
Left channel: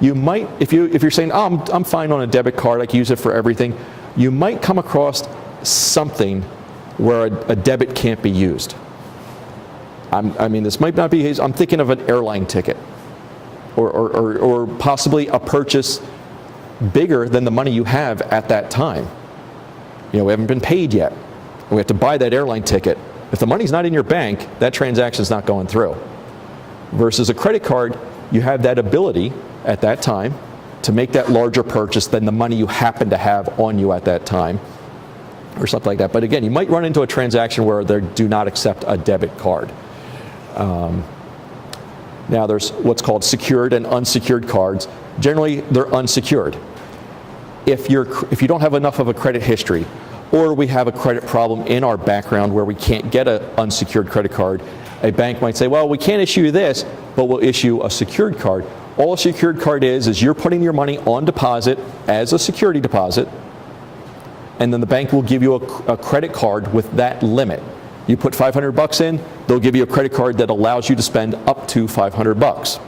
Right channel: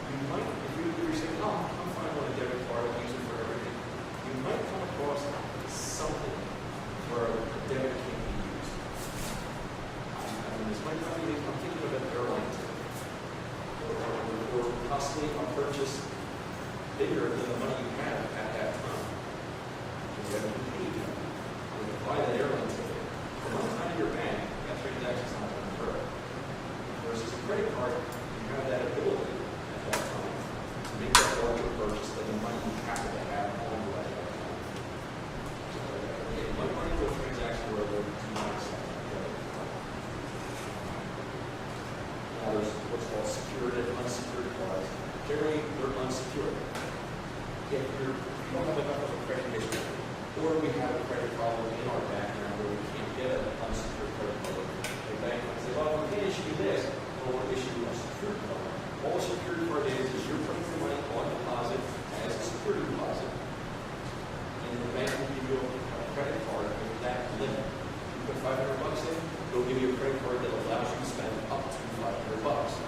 You might, if you're saying, oh, I'm fine on a debit card, I can use it for everything, you might come across something where a debit can't be used. I mean, this might not be I'm thinking of an airline ticket or possibly a purchase bigger than the money you have at that time. We haven't been paid yet. We have to buy that airline ticket. If the money's not in your bank, that transaction's not going through. Versus a credit card, you have that ability at that time to make that larger purchase than the money you happen to have on you at that time, or something like that. But again, you might run into a transaction where they do not accept a debit card. Now there's what's called secured and unsecured cards. Generally, they're unsecured. If you don't have enough of a credit history, or we have a credit problem in our background where we can't get an unsecured credit card, a bank might say, well, we can't issue you this, but we'll issue a secured card. All a secured card is you're putting your money on deposit as a security deposit, and then the bank will give you a credit card with that limit. You put $500 in, they'll give you a credit card that allows you to spend up to $500.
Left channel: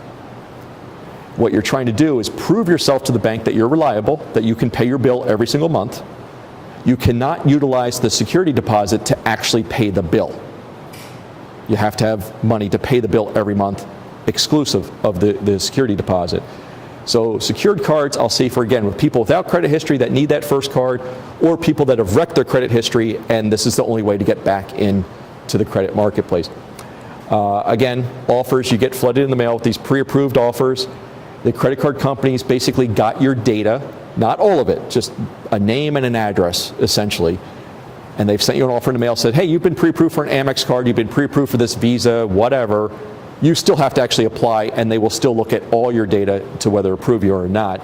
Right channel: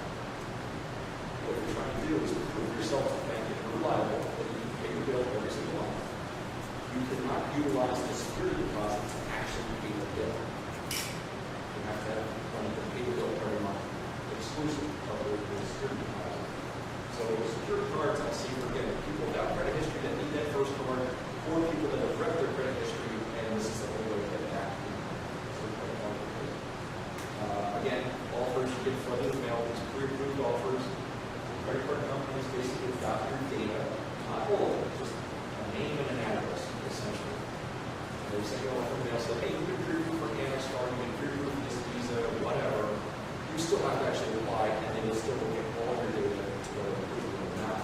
What you're trying to do is prove yourself to the bank that you're reliable, that you can pay your bill every single month. You cannot utilize the security deposit to actually pay the bill. You have to have money to pay the bill every month, exclusive of the security deposit. So secured cards, I'll say for, again, with people without credit history that need that first card, or people that have wrecked their credit history and this is the only way to get back into the credit marketplace. Again, offers, you get flooded in the mail with these pre-approved offers. The credit card companies basically got your data, not all of it, just a name and an address, essentially. And they've sent you an offer in the mail, said, hey, you've been pre-approved for an Amex card, you've been pre-approved for this Visa, whatever. You still have to actually apply, and they will still look at all your data to whether approve you or not.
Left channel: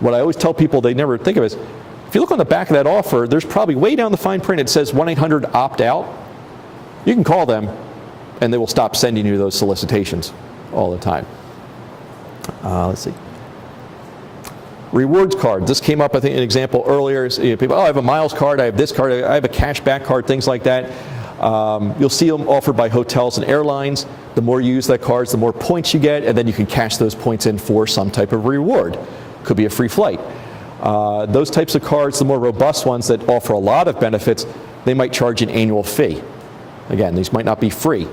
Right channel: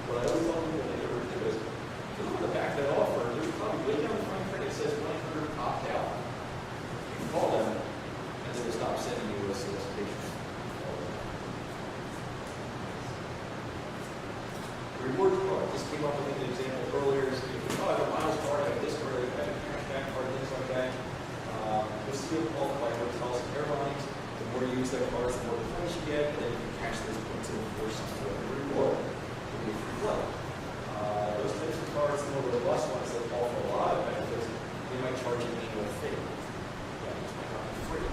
What I always tell people they never think of is, if you look on the back of that offer, there's probably way down the fine print, it says 1-800-OPT-OUT. You can call them, and they will stop sending you those solicitations all the time. Let's see. Rewards card. This came up, I think, an example earlier. People, oh, I have a miles card, I have this card, I have a cash back card, things like that. You'll see them offered by hotels and airlines. The more you use that card, the more points you get, and then you can cash those points in for some type of reward. Could be a free flight. Those types of cards, the more robust ones that offer a lot of benefits, they might charge an annual fee. Again, these might not be free.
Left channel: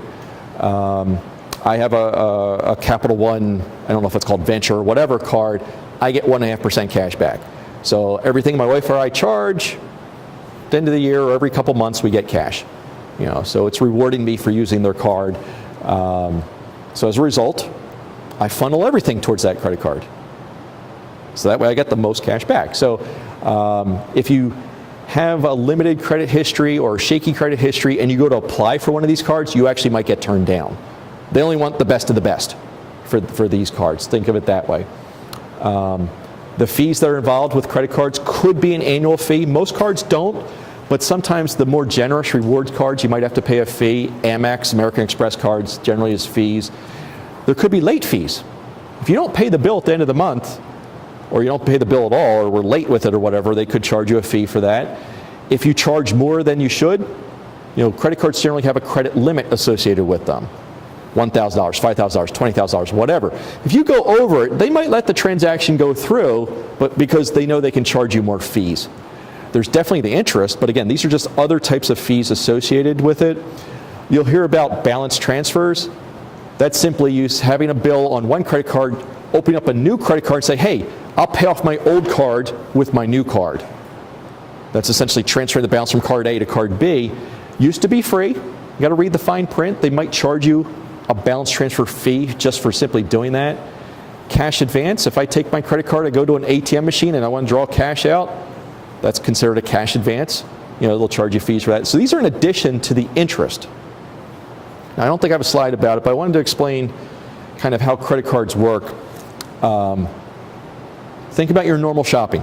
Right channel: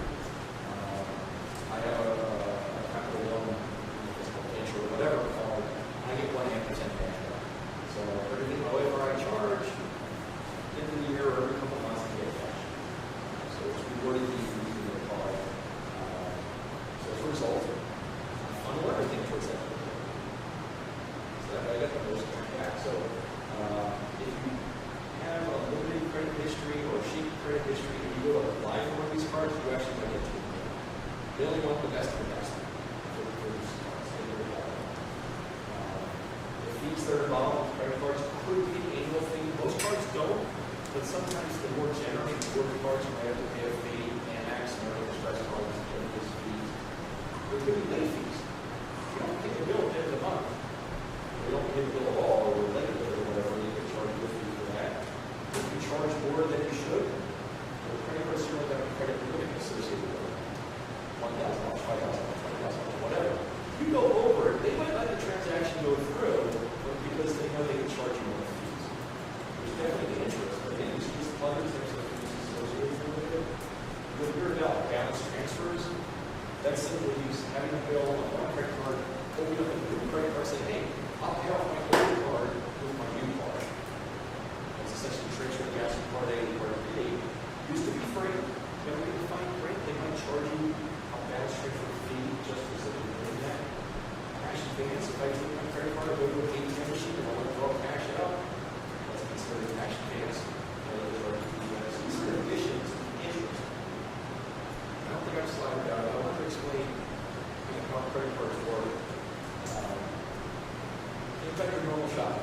I have a Capital One, I don't know if it's called Venture or whatever card, I get 1.5% cash back. So everything my wife or I charge, at the end of the year or every couple months we get cash. So it's rewarding me for using their card. So as a result, I funnel everything towards that credit card. So that way I get the most cash back. So if you have a limited credit history or shaky credit history and you go to apply for one of these cards, you actually might get turned down. They only want the best of the best for these cards. Think of it that way. The fees that are involved with credit cards could be an annual fee. Most cards don't, but sometimes the more generous rewards cards, you might have to pay a fee. Amex, American Express cards generally is fees. There could be late fees. If you don't pay the bill at the end of the month, or you don't pay the bill at all, or we're late with it or whatever, they could charge you a fee for that. If you charge more than you should, credit cards generally have a credit limit associated with them. $1,000, $5,000, $20,000, whatever. If you go over it, they might let the transaction go through, but because they know they can charge you more fees. There's definitely the interest, but again, these are just other types of fees associated with it. You'll hear about balance transfers. That's simply having a bill on one credit card, opening up a new credit card and say, hey, I'll pay off my old card with my new card. That's essentially transferring the balance from card A to card B. Used to be free. You got to read the fine print. They might charge you a balance transfer fee just for simply doing that. Cash advance, if I take my credit card, I go to an ATM machine and I want to draw cash out, that's considered a cash advance. They'll charge you fees for that. So these are in addition to the interest. Now, I don't think I have a slide about it, but I wanted to explain kind of how credit cards work. Think about your normal shopping.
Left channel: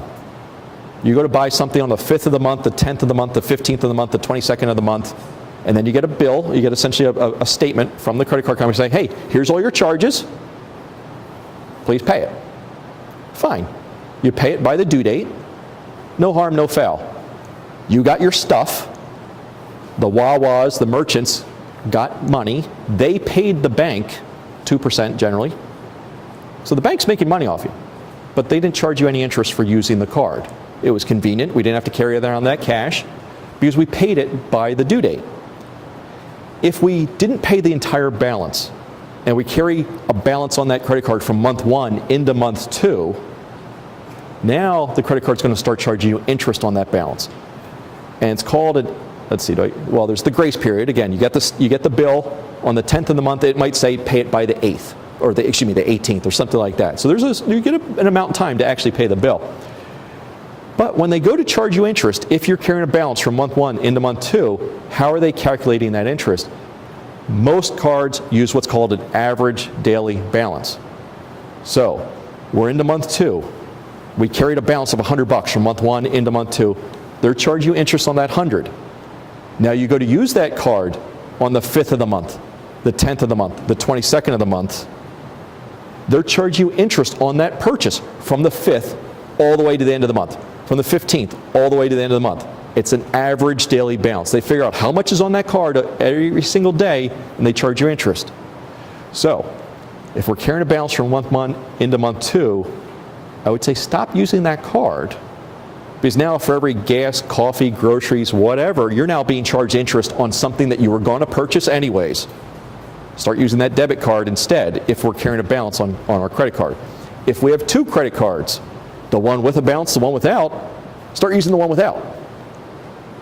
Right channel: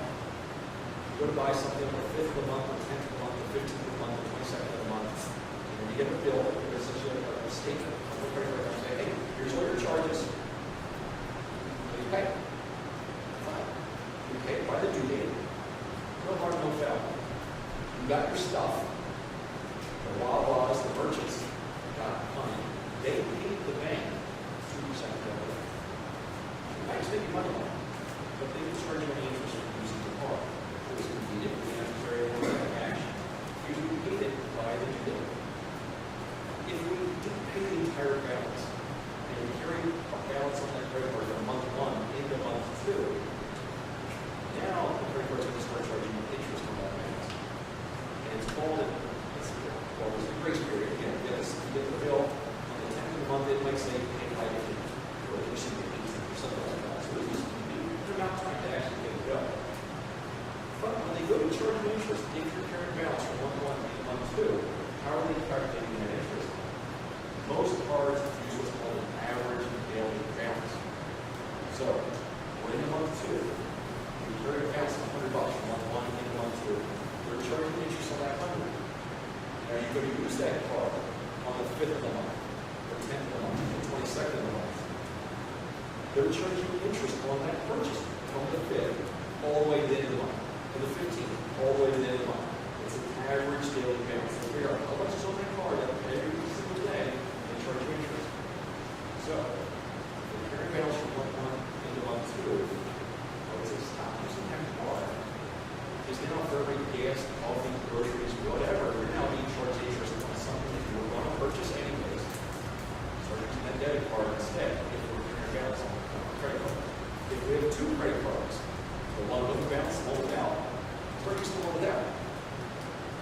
You go to buy something on the 5th of the month, the 10th of the month, the 15th of the month, the 22nd of the month, and then you get a bill. You get essentially a statement from the credit card company saying, hey, here's all your charges. Please pay it. Fine. You pay it by the due date. No harm, no foul. You got your stuff. The Wawas, the merchants, got money. They paid the bank 2% generally. So the bank's making money off you. But they didn't charge you any interest for using the card. It was convenient. We didn't have to carry around that cash because we paid it by the due date. If we didn't pay the entire balance and we carry a balance on that credit card from month 1 into month 2, now the credit card's going to start charging you interest on that balance. And it's called let's see, there's the grace period. Again, you get the bill on the 10th of the month. It might say pay it by the 8th. Or the 18th or something like that. So you get an amount of time to actually pay the bill. But when they go to charge you interest, if you're carrying a balance from month 1 into month 2, how are they calculating that interest? Most cards use what's called an average daily balance. So we're into month 2. We carried a balance of $100 from month 1 into month 2. They're charging you interest on that 100. Now you go to use that card on the 5th of the month, the 10th of the month, the 22nd of the month. They're charging you interest on that purchase from the 5th all the way to the end of the month, from the 15th all the way to the end of the month. It's an average daily balance. They figure out how much is on that card every single day, and they charge you interest. So if we're carrying a balance from month 1 into month 2, I would say stop using that card, because now for every gas, coffee, groceries, whatever, you're now being charged interest on something that you were going to purchase anyways. Start using that debit card instead if we're carrying a balance on our credit card. If we have 2 credit cards, the one with a balance, the one without, start using the one without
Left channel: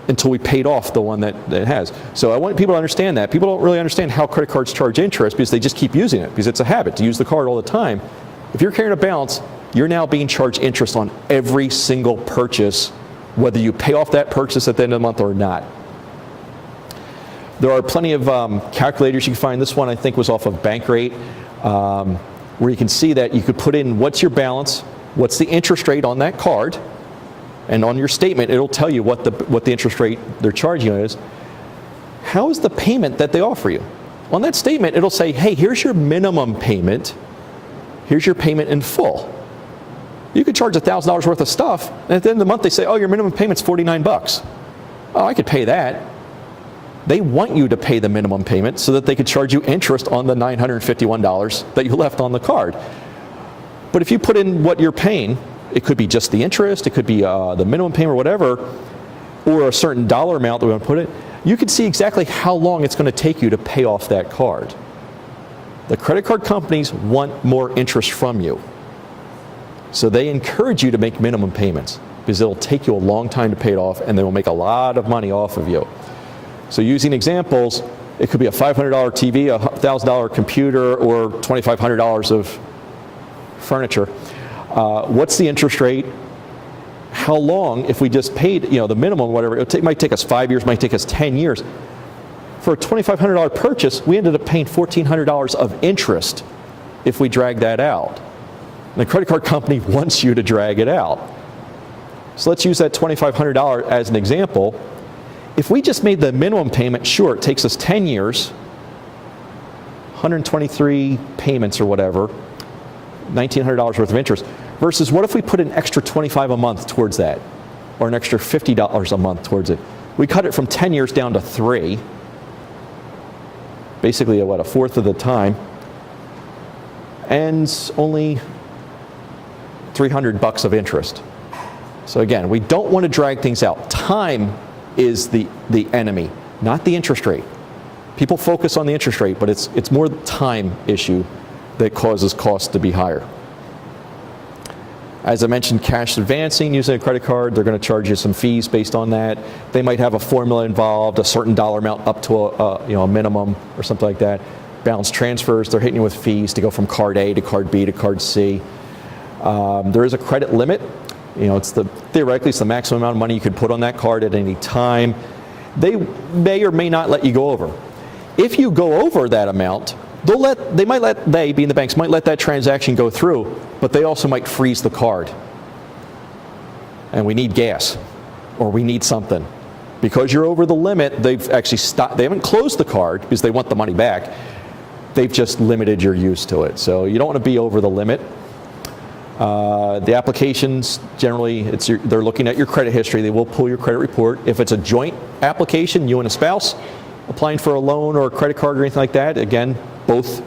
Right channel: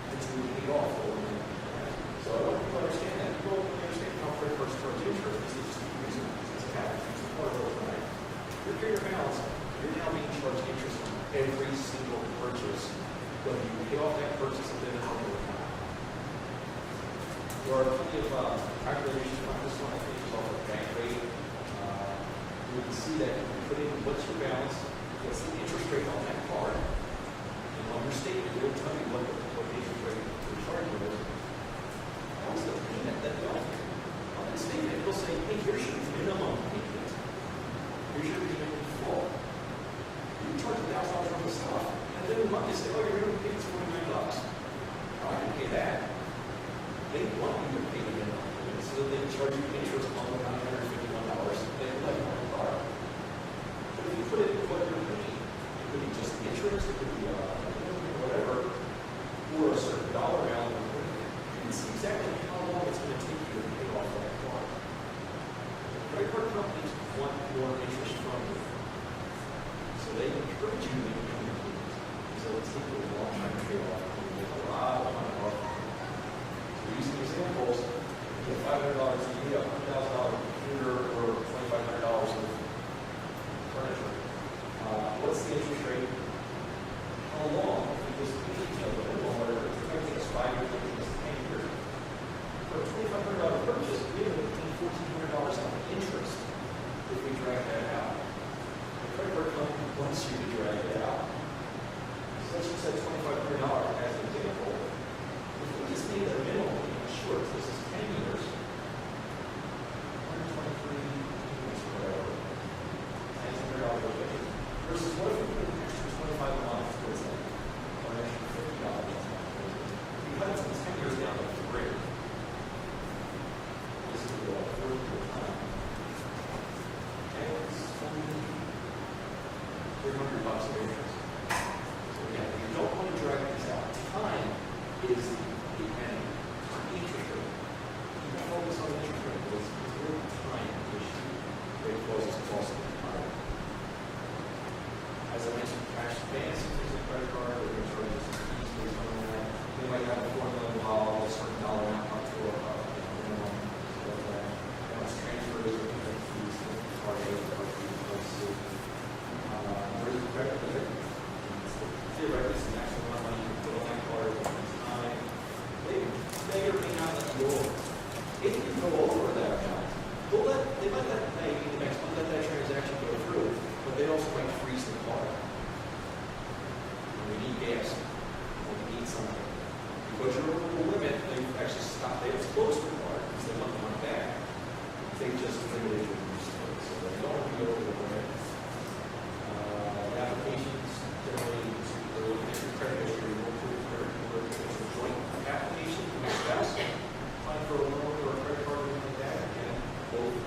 until we paid off the one that has. So I want people to understand that. People don't really understand how credit cards charge interest because they just keep using it because it's a habit to use the card all the time. If you're carrying a balance, you're now being charged interest on every single purchase, whether you pay off that purchase at the end of the month or not. There are plenty of calculators you can find. This one I think was off of Bankrate, where you can see that you could put in what's your balance, what's the interest rate on that card, and on your statement it'll tell you what the interest rate they're charging you is. How is the payment that they offer you? On that statement it'll say, hey, here's your minimum payment, here's your payment in full. You could charge $1,000 worth of stuff, and at the end of the month they say, oh, your minimum payment's $49. Oh, I could pay that. They want you to pay the minimum payment so that they could charge you interest on the $951 that you left on the card. But if you put in what you're paying, it could be just the interest, it could be the minimum payment or whatever, or a certain dollar amount that we want to put in, you can see exactly how long it's going to take you to pay off that card. The credit card companies want more interest from you. So they encourage you to make minimum payments because it'll take you a long time to pay it off and they will make a lot of money off of you. So using examples, it could be a $500 TV, a $1,000 computer, or $2,500 of furniture. What's the interest rate? how long, if we just paid, the minimum, whatever, it might take us 5 years, might take us 10 years. For a $2,500 purchase, we ended up paying $1,400 of interest if we drag that out. And the credit card company wants you to drag it out. So let's use that $2,500 as an example. If we just made the minimum payment, sure, it takes us 10 years, 123 payments or whatever, $1,900 worth of interest, versus what if we put an extra $25 a month towards that, or an extra $50 a month towards it? We cut it from 10 years down to 3, basically a fourth of the time, and only $300 of interest. So again, we don't want to drag things out. Time is the enemy, not the interest rate. People focus on the interest rate, but it's more the time issue that causes costs to be higher. As I mentioned, cash advancing using a credit card, they're going to charge you some fees based on that. They might have a formula involved, a certain dollar amount up to a minimum or something like that. Balance transfers, they're hitting you with fees to go from card A to card B to card C. There is a credit limit. Theoretically, it's the maximum amount of money you could put on that card at any time. They may or may not let you go over. If you go over that amount, they being the banks, might let that transaction go through, but they also might freeze the card. And we need gas, or we need something. Because you're over the limit, they've actually stopped. They haven't closed the card because they want the money back. They've just limited your use to it. So you don't want to be over the limit. The applications, generally, they're looking at your credit history. They will pull your credit report. If it's a joint application, you and a spouse, applying for a loan or a credit card or anything like that, again, both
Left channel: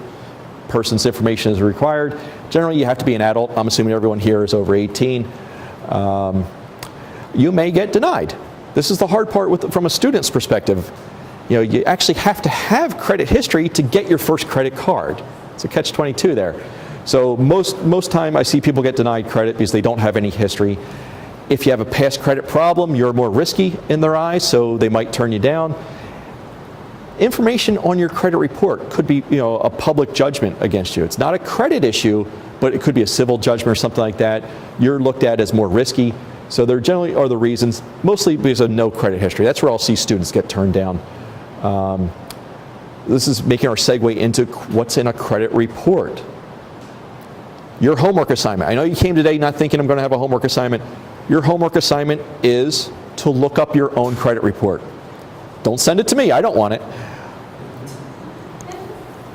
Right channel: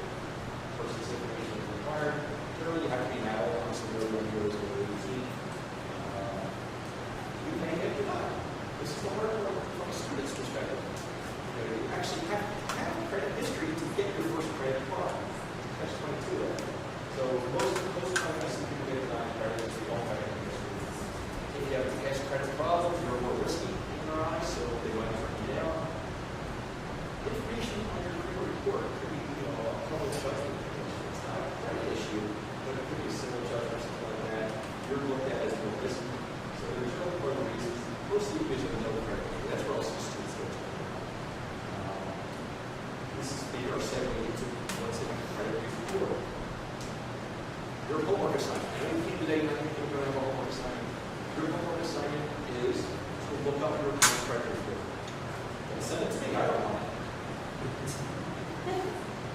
persons' information is required. Generally, you have to be an adult. I'm assuming everyone here is over 18. You may get denied. This is the hard part from a student's perspective. You actually have to have credit history to get your first credit card. It's a catch-22 there. So most time I see people get denied credit because they don't have any history. If you have a past credit problem, you're more risky in their eyes, so they might turn you down. Information on your credit report could be, a public judgment against you. It's not a credit issue, but it could be a civil judgment or something like that. You're looked at as more risky. So there generally are the reasons, mostly because of no credit history. That's where I'll see students get turned down. This is making our segue into what's in a credit report. Your homework assignment. I know you came today not thinking I'm going to have a homework assignment. Your homework assignment is to look up your own credit report. Don't send it to me. I don't want it.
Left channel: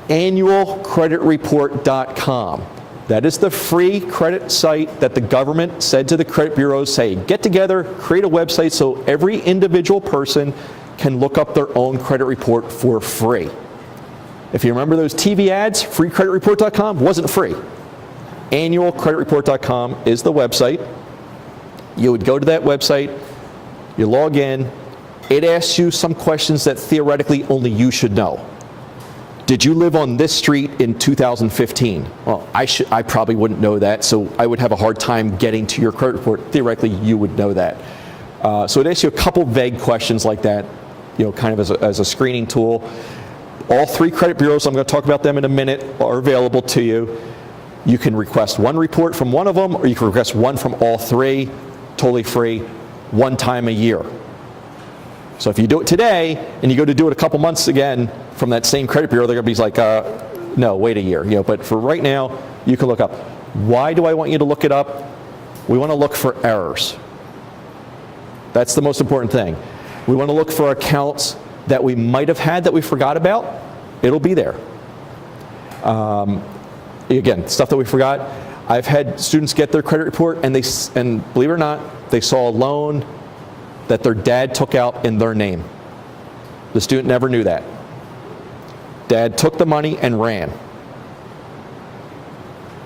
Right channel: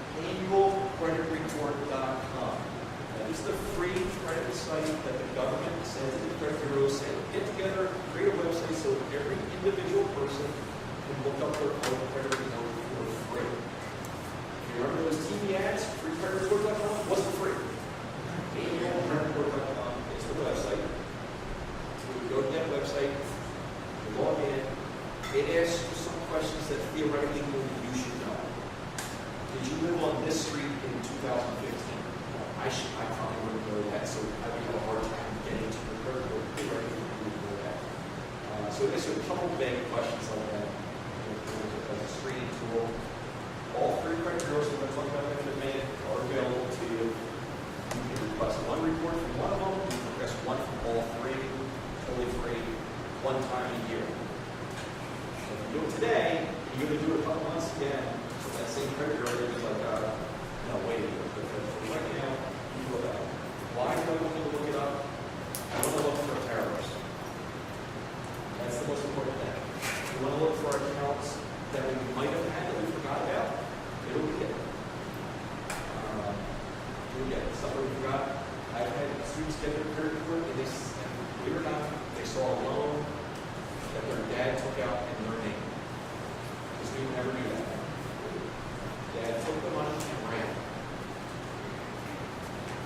Annualcreditreport.com. That is the free credit site that the government said to the credit bureaus, say, get together, create a website so every individual person can look up their own credit report for free. If you remember those TV ads, freecreditreport.com wasn't free. Annualcreditreport.com is the website. You would go to that website, you log in, it asks you some questions that theoretically only you should know. Did you live on this street in 2015? Well, I probably wouldn't know that, so I would have a hard time getting to your credit report. Theoretically, you would know that. So it asks you a couple vague questions like that, kind of as a screening tool. All three credit bureaus, I'm going to talk about them in a minute, are available to you. You can request one report from one of them, or you can request one from all three, totally free, one time a year. So if you do it today, and you go to do it a couple months again from that same credit bureau, they're going to be like, no, wait a year. But for right now, you can look up. Why do I want you to look it up? We want to look for errors. That's the most important thing. We want to look for accounts that we might have had that we forgot about. It'll be there. Again, stuff that we forgot. I've had students get their credit report, and believe it or not, they saw a loan that their dad took out in their name. The student never knew that. Dad took the money and ran.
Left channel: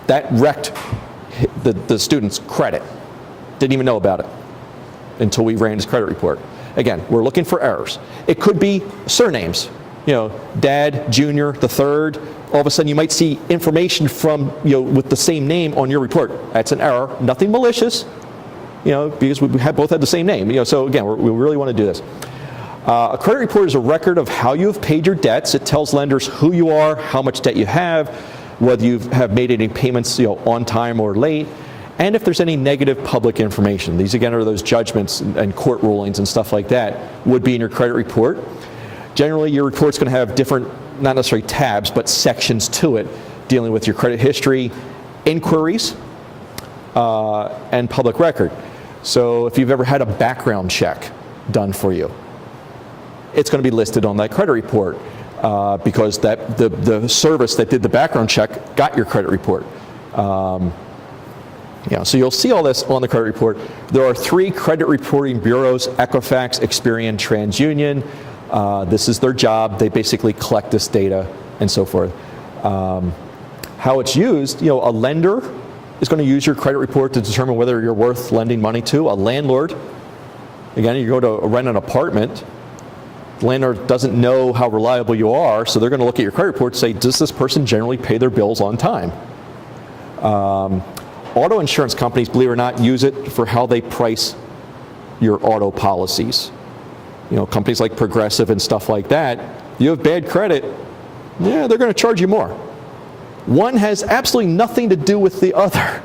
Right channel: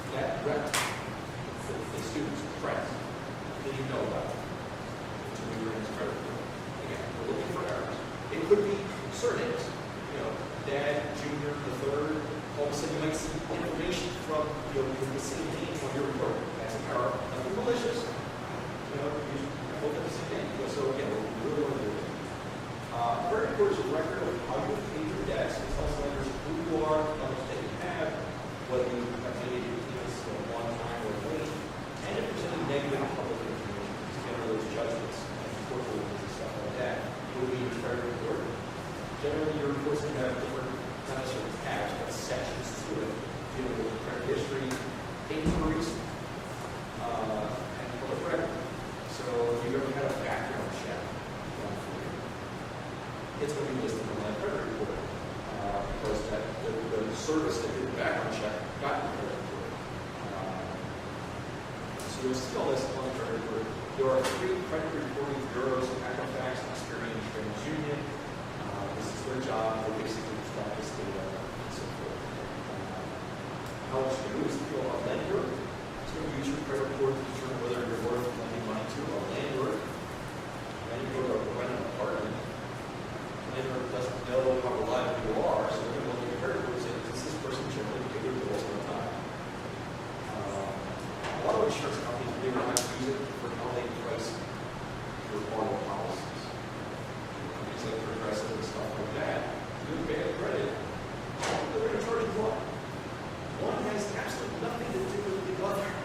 That wrecked the student's credit. Didn't even know about it until we ran his credit report. Again, we're looking for errors. It could be surnames. Dad, Junior, the third. All of a sudden you might see information from, with the same name on your report. That's an error. Nothing malicious, because we both had the same name. So again, we really want to do this. A credit report is a record of how you have paid your debts. It tells lenders who you are, how much debt you have, whether you have made any payments on time or late, and if there's any negative public information. These, again, are those judgments and court rulings and stuff like that would be in your credit report. Generally, your report's going to have different, not necessarily tabs, but sections to it, dealing with your credit history, inquiries, and public record. So if you've ever had a background check done for you, it's going to be listed on that credit report because the service that did the background check got your credit report. So you'll see all this on the credit report. There are 3 credit reporting bureaus: Equifax, Experian, TransUnion. This is their job. They basically collect this data and so forth. How it's used, a lender is going to use your credit report to determine whether you're worth lending money to. A landlord, again, you go to rent an apartment, the landlord doesn't know how reliable you are, so they're going to look at your credit report and say, does this person generally pay their bills on time? Auto insurance companies, believe it or not, use it for how they price your auto policies. Companies like Progressive and stuff like that, you have bad credit, they're going to charge you more. One has absolutely nothing to do with the other,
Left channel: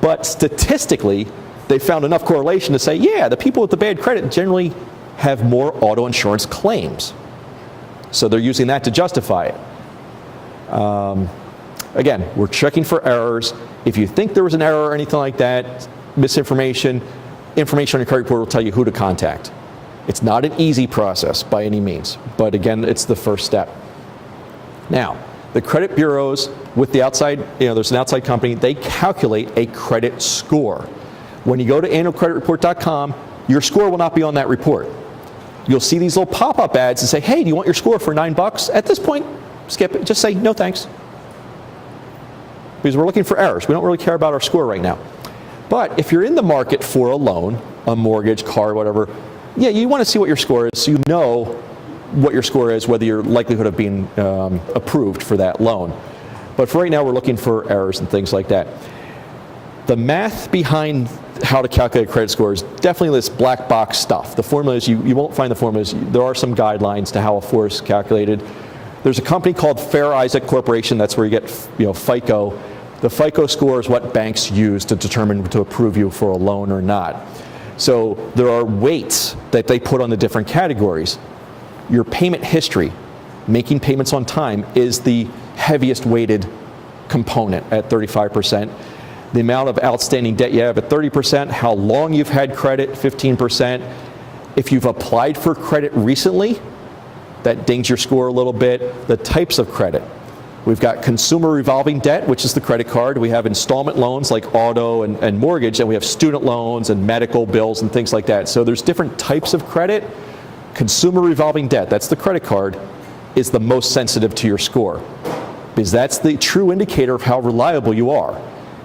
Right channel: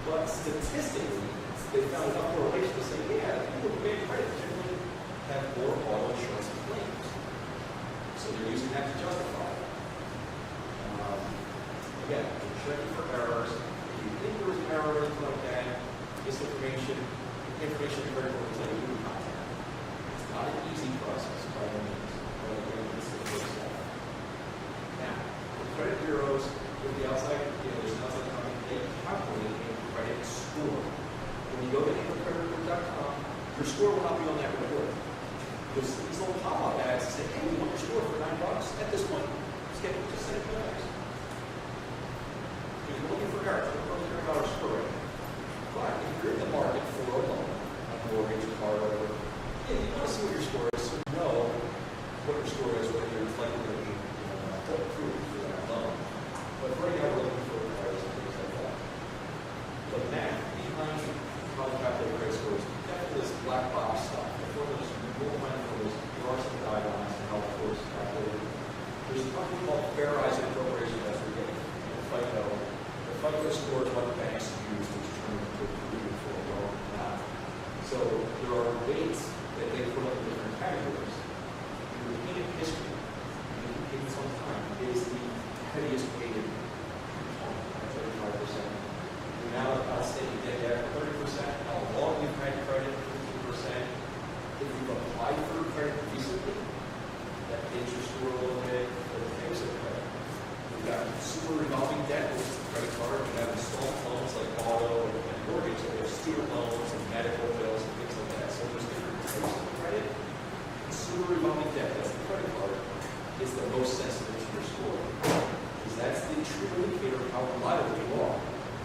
but statistically, they found enough correlation to say, the people with the bad credit generally have more auto insurance claims. So they're using that to justify it. Again, we're checking for errors. If you think there was an error or anything like that, misinformation, information on your credit report will tell you who to contact. It's not an easy process by any means, but again, it's the first step. Now, the credit bureaus with the outside, there's an outside company, they calculate a credit score. When you go to annualcreditreport.com, your score will not be on that report. You'll see these little pop-up ads and say, hey, do you want your score for $9? At this point, skip it. Just say, no thanks. Because we're looking for errors. We don't really care about our score right now. But if you're in the market for a loan, a mortgage, car, whatever, you want to see what your score is so you know what your score is, whether your likelihood of being approved for that loan. But for right now, we're looking for errors and things like that. The math behind how to calculate a credit score is definitely this black box stuff. The formulas, you won't find the formulas. There are some guidelines to how a score is calculated. There's a company called Fair Isaac Corporation. That's where you get FICO. The FICO score is what banks use to determine to approve you for a loan or not. So there are weights that they put on the different categories. Your payment history, making payments on time, is the heaviest weighted component at 35%. The amount of outstanding debt you have at 30%, how long you've had credit, 15%. If you've applied for credit recently, that dings your score a little bit. The types of credit. We've got consumer revolving debt, which is the credit card. We have installment loans like auto and mortgage, and we have student loans and medical bills and things like that. So there's different types of credit. Consumer revolving debt, that's the credit card, is the most sensitive to your score because that's the true indicator of how reliable you are.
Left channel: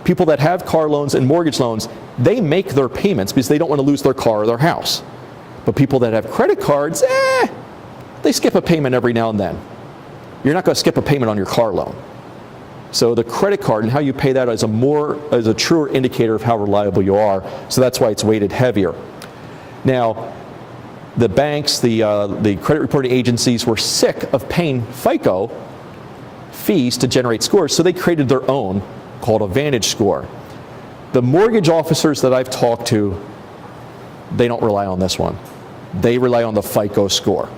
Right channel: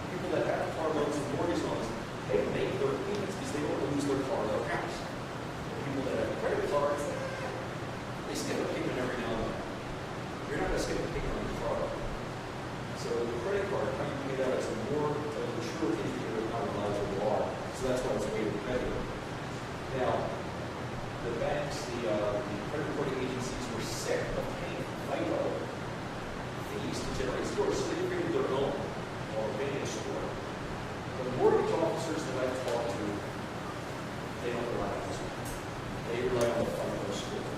People that have car loans and mortgage loans, they make their payments because they don't want to lose their car or their house. But people that have credit cards, they skip a payment every now and then. You're not going to skip a payment on your car loan. So the credit card and how you pay that is a truer indicator of how reliable you are. So that's why it's weighted heavier. Now, the banks, the credit reporting agencies were sick of paying FICO fees to generate scores, so they created their own called a Vantage score. The mortgage officers that I've talked to, they don't rely on this one. They rely on the FICO score.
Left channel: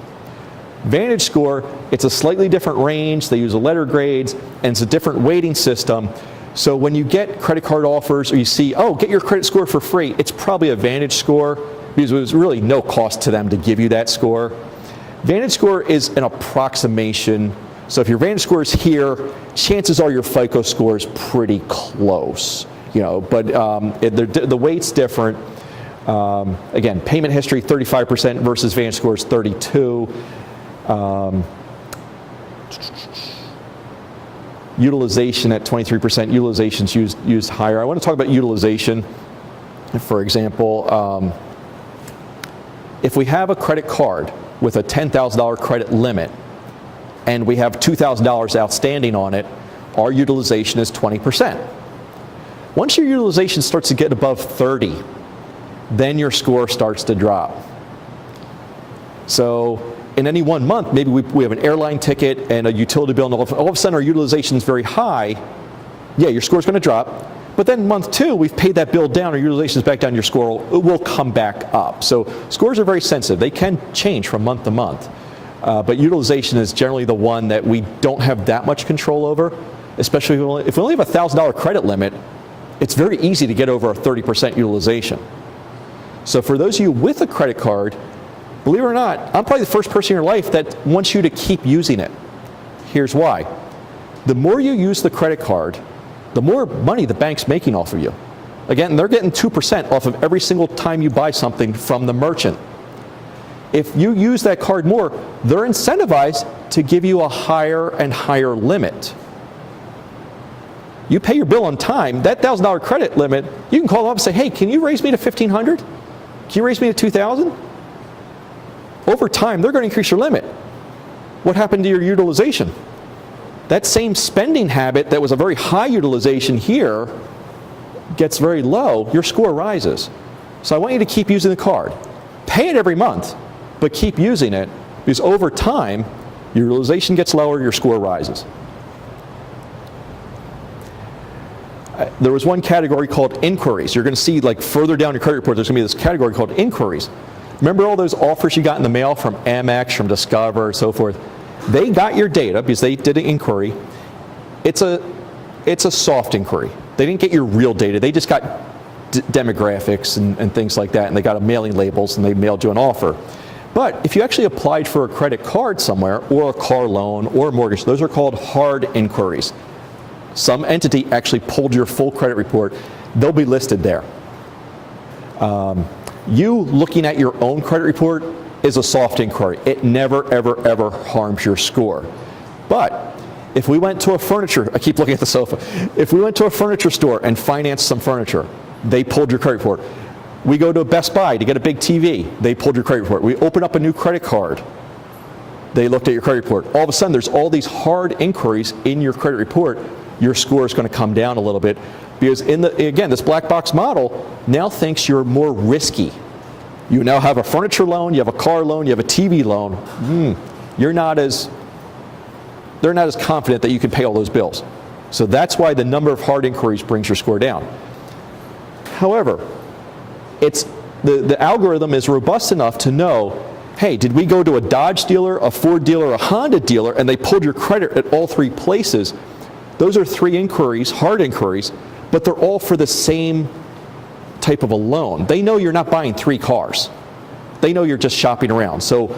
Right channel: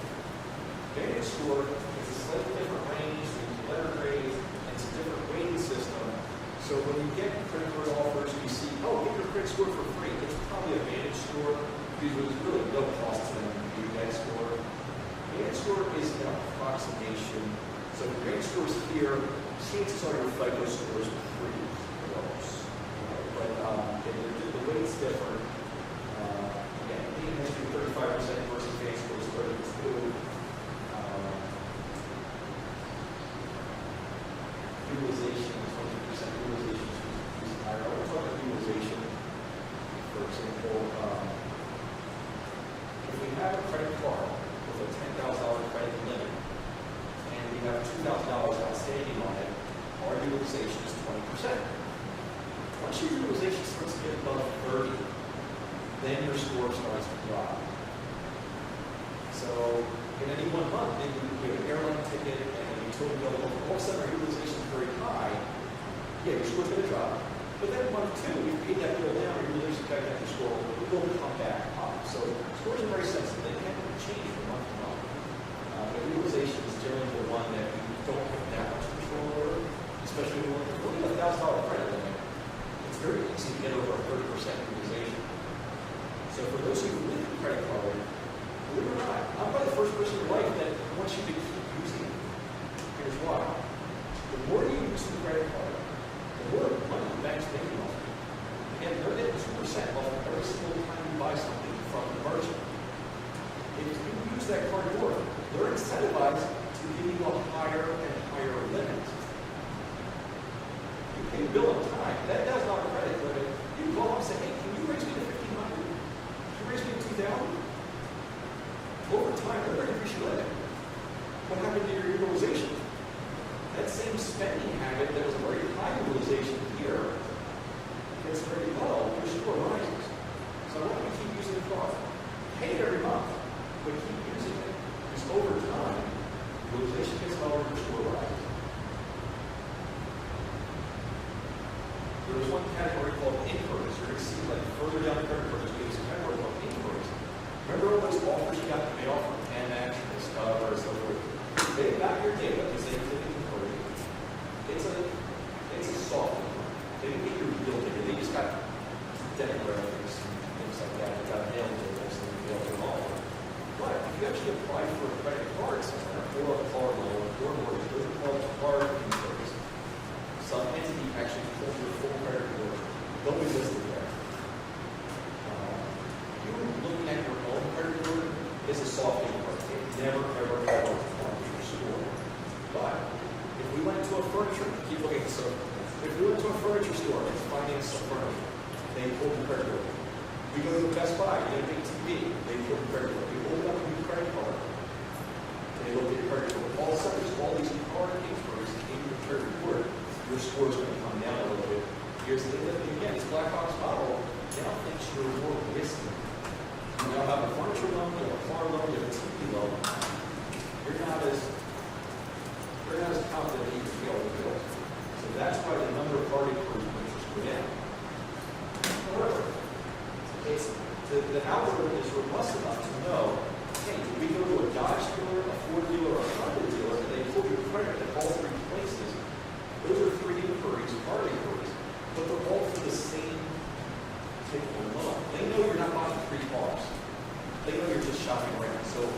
Vantage score, it's a slightly different range. They use a letter grades, and it's a different weighting system. So when you get credit card offers or you see, get your credit score for free, it's probably a Vantage score because there's really no cost to them to give you that score. Vantage score is an approximation. So if your Vantage score is here, chances are your FICO score is pretty close. But the weight's different. Again, payment history 35% versus Vantage score is 32. Utilization at 23%. Utilization's used higher. I want to talk about utilization. For example, if we have a credit card with a $10,000 credit limit and we have $2,000 outstanding on it, our utilization is 20%. Once your utilization starts to get above 30, then your score starts to drop. So in any one month, maybe we have an airline ticket and a utility bill, and all of a sudden our utilization is very high. Yeah, your score's going to drop, But then month 2, we've paid that bill down, or utilization is back down, your score will come back up. So scores are very sensitive. They can change from month to month. But utilization is generally the one that we don't have that much control over, especially if we only have a $1,000 credit limit. It's very easy to get over a 30% utilization. So for those of you with a credit card, believe it or not, I'm probably the first person in your life that wants you to keep using it. Here's why. The more you use the credit card, the more money the bank's making off of you. Again, they're getting 2% off of every single time you buy something from the merchant. If you use that card more, they're incentivized to give you a higher and higher limit. You pay your bill on time, that $1,000 credit limit, you can call them up and say, hey, can you raise me to $1,500? Can you raise me to $2,000? Over time, they're going to increase your limit. What happened to your utilization? That same spending habit that was a very high utilization here gets very low, your score rises. So I want you to keep using the card. Pay it every month, but keep using it, because over time, your utilization gets lower, your score rises. There was one category called inquiries. You're going to see, like, further down your credit report, there's going to be this category called inquiries. Remember all those offers you got in the mail from Amex, from Discover, and so forth? They got your data because they did an inquiry. It's a soft inquiry. They didn't get your real data. They just got demographics and things like that, and they got a mailing labels, and they mailed you an offer. But if you actually applied for a credit card somewhere, or a car loan, or a mortgage, those are called hard inquiries. Some entity actually pulled your full credit report. They'll be listed there. You looking at your own credit report is a soft inquiry. It never, ever, ever harms your score. But if we went to a furniture, I keep looking at the sofa. If we went to a furniture store and financed some furniture, they pulled your credit report. We go to a Best Buy to get a big TV, they pulled your credit report. We open up a new credit card, they looked at your credit report. All of a sudden, there's all these hard inquiries in your credit report. Your score is going to come down a little bit, because again, this black box model now thinks you're more risky. You now have a furniture loan, you have a car loan, you have a TV loan. They're not as confident that you can pay all those bills. So that's why the number of hard inquiries brings your score down. However, the algorithm is robust enough to know, hey, did we go to a Dodge dealer, a Ford dealer, a Honda dealer, and they pulled your credit at all 3 places? Those are 3 inquiries, hard inquiries, but they're all for the same type of a loan. They know you're not buying 3 cars. They know you're just shopping around. So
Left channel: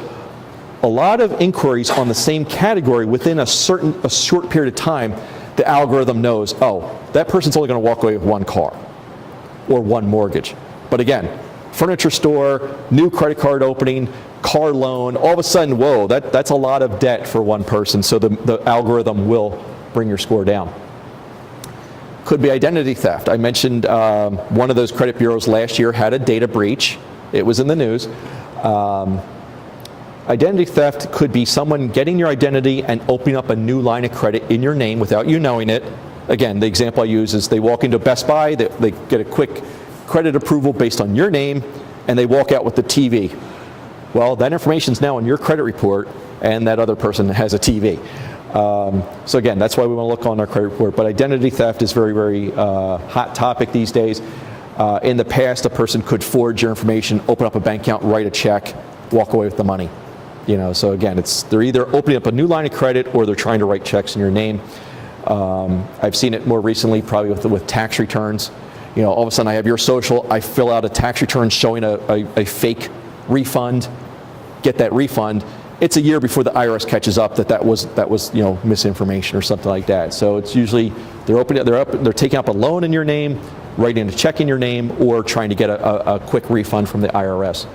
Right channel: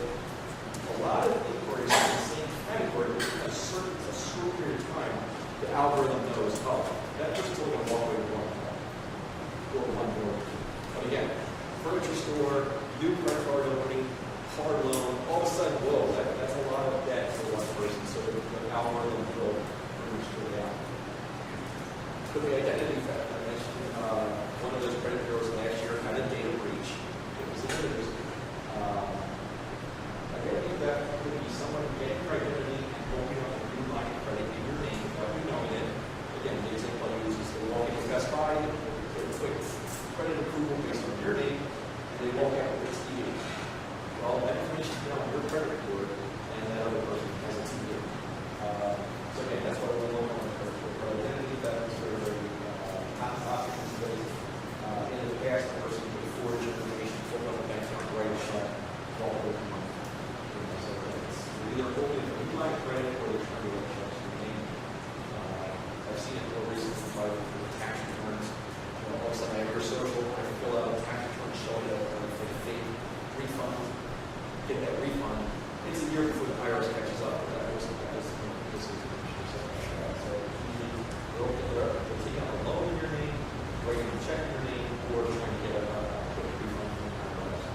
a lot of inquiries on the same category within a short period of time, the algorithm knows, oh, that person's only going to walk away with 1 car or 1 mortgage. But again, furniture store, new credit card opening, car loan, all of a sudden, whoa, that's a lot of debt for one person. So the algorithm will bring your score down. Could be identity theft. I mentioned one of those credit bureaus last year had a data breach. It was in the news. Identity theft could be someone getting your identity and opening up a new line of credit in your name without you knowing it. Again, the example I use is they walk into Best Buy, they get a quick credit approval based on your name, and they walk out with the TV. Well, that information is now on your credit report, and that other person has a TV. So again, that's why we want to look on our credit report. But identity theft is very, very hot topic these days. In the past, a person could forge your information, open up a bank account, write a check, walk away with the money. So again, they're either opening up a new line of credit or they're trying to write checks in your name. I've seen it more recently, probably with tax returns. All of a sudden I have your social, I fill out a tax return showing a fake refund, get that refund. It's a year before the IRS catches up that was misinformation or something like that. So it's usually they're taking up a loan in your name, writing a check in your name, or trying to get a quick refund from the IRS.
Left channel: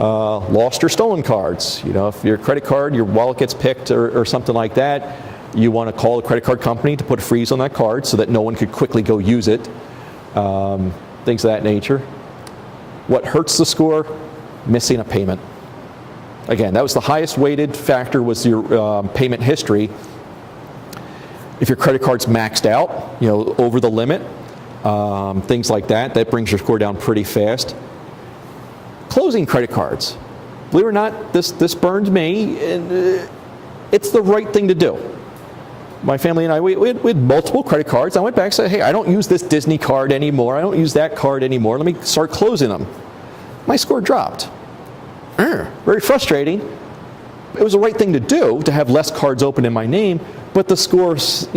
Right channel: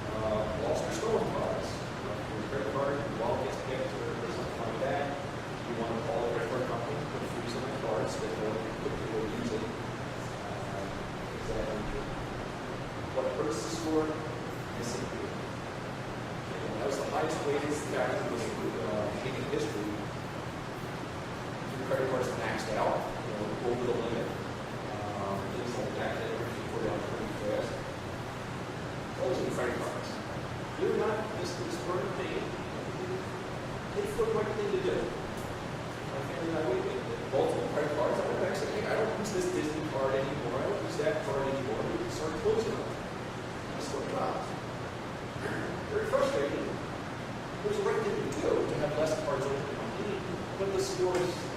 Lost or stolen cards. If your credit card, your wallet gets picked or something like that, you want to call the credit card company to put a freeze on that card so that no one could quickly go use it. Things of that nature. What hurts the score? Missing a payment. Again, that was the highest weighted factor, was your payment history. If your credit card's maxed out, over the limit, things like that brings your score down pretty fast. Closing credit cards. Believe it or not, this burned me, and it's the right thing to do. my family and I, we had multiple credit cards. I went back and said, hey, I don't use this Disney card anymore. I don't use that card anymore. Let me start closing them. My score dropped. Very frustrating. It was the right thing to do to have less cards open in my name, but the scores,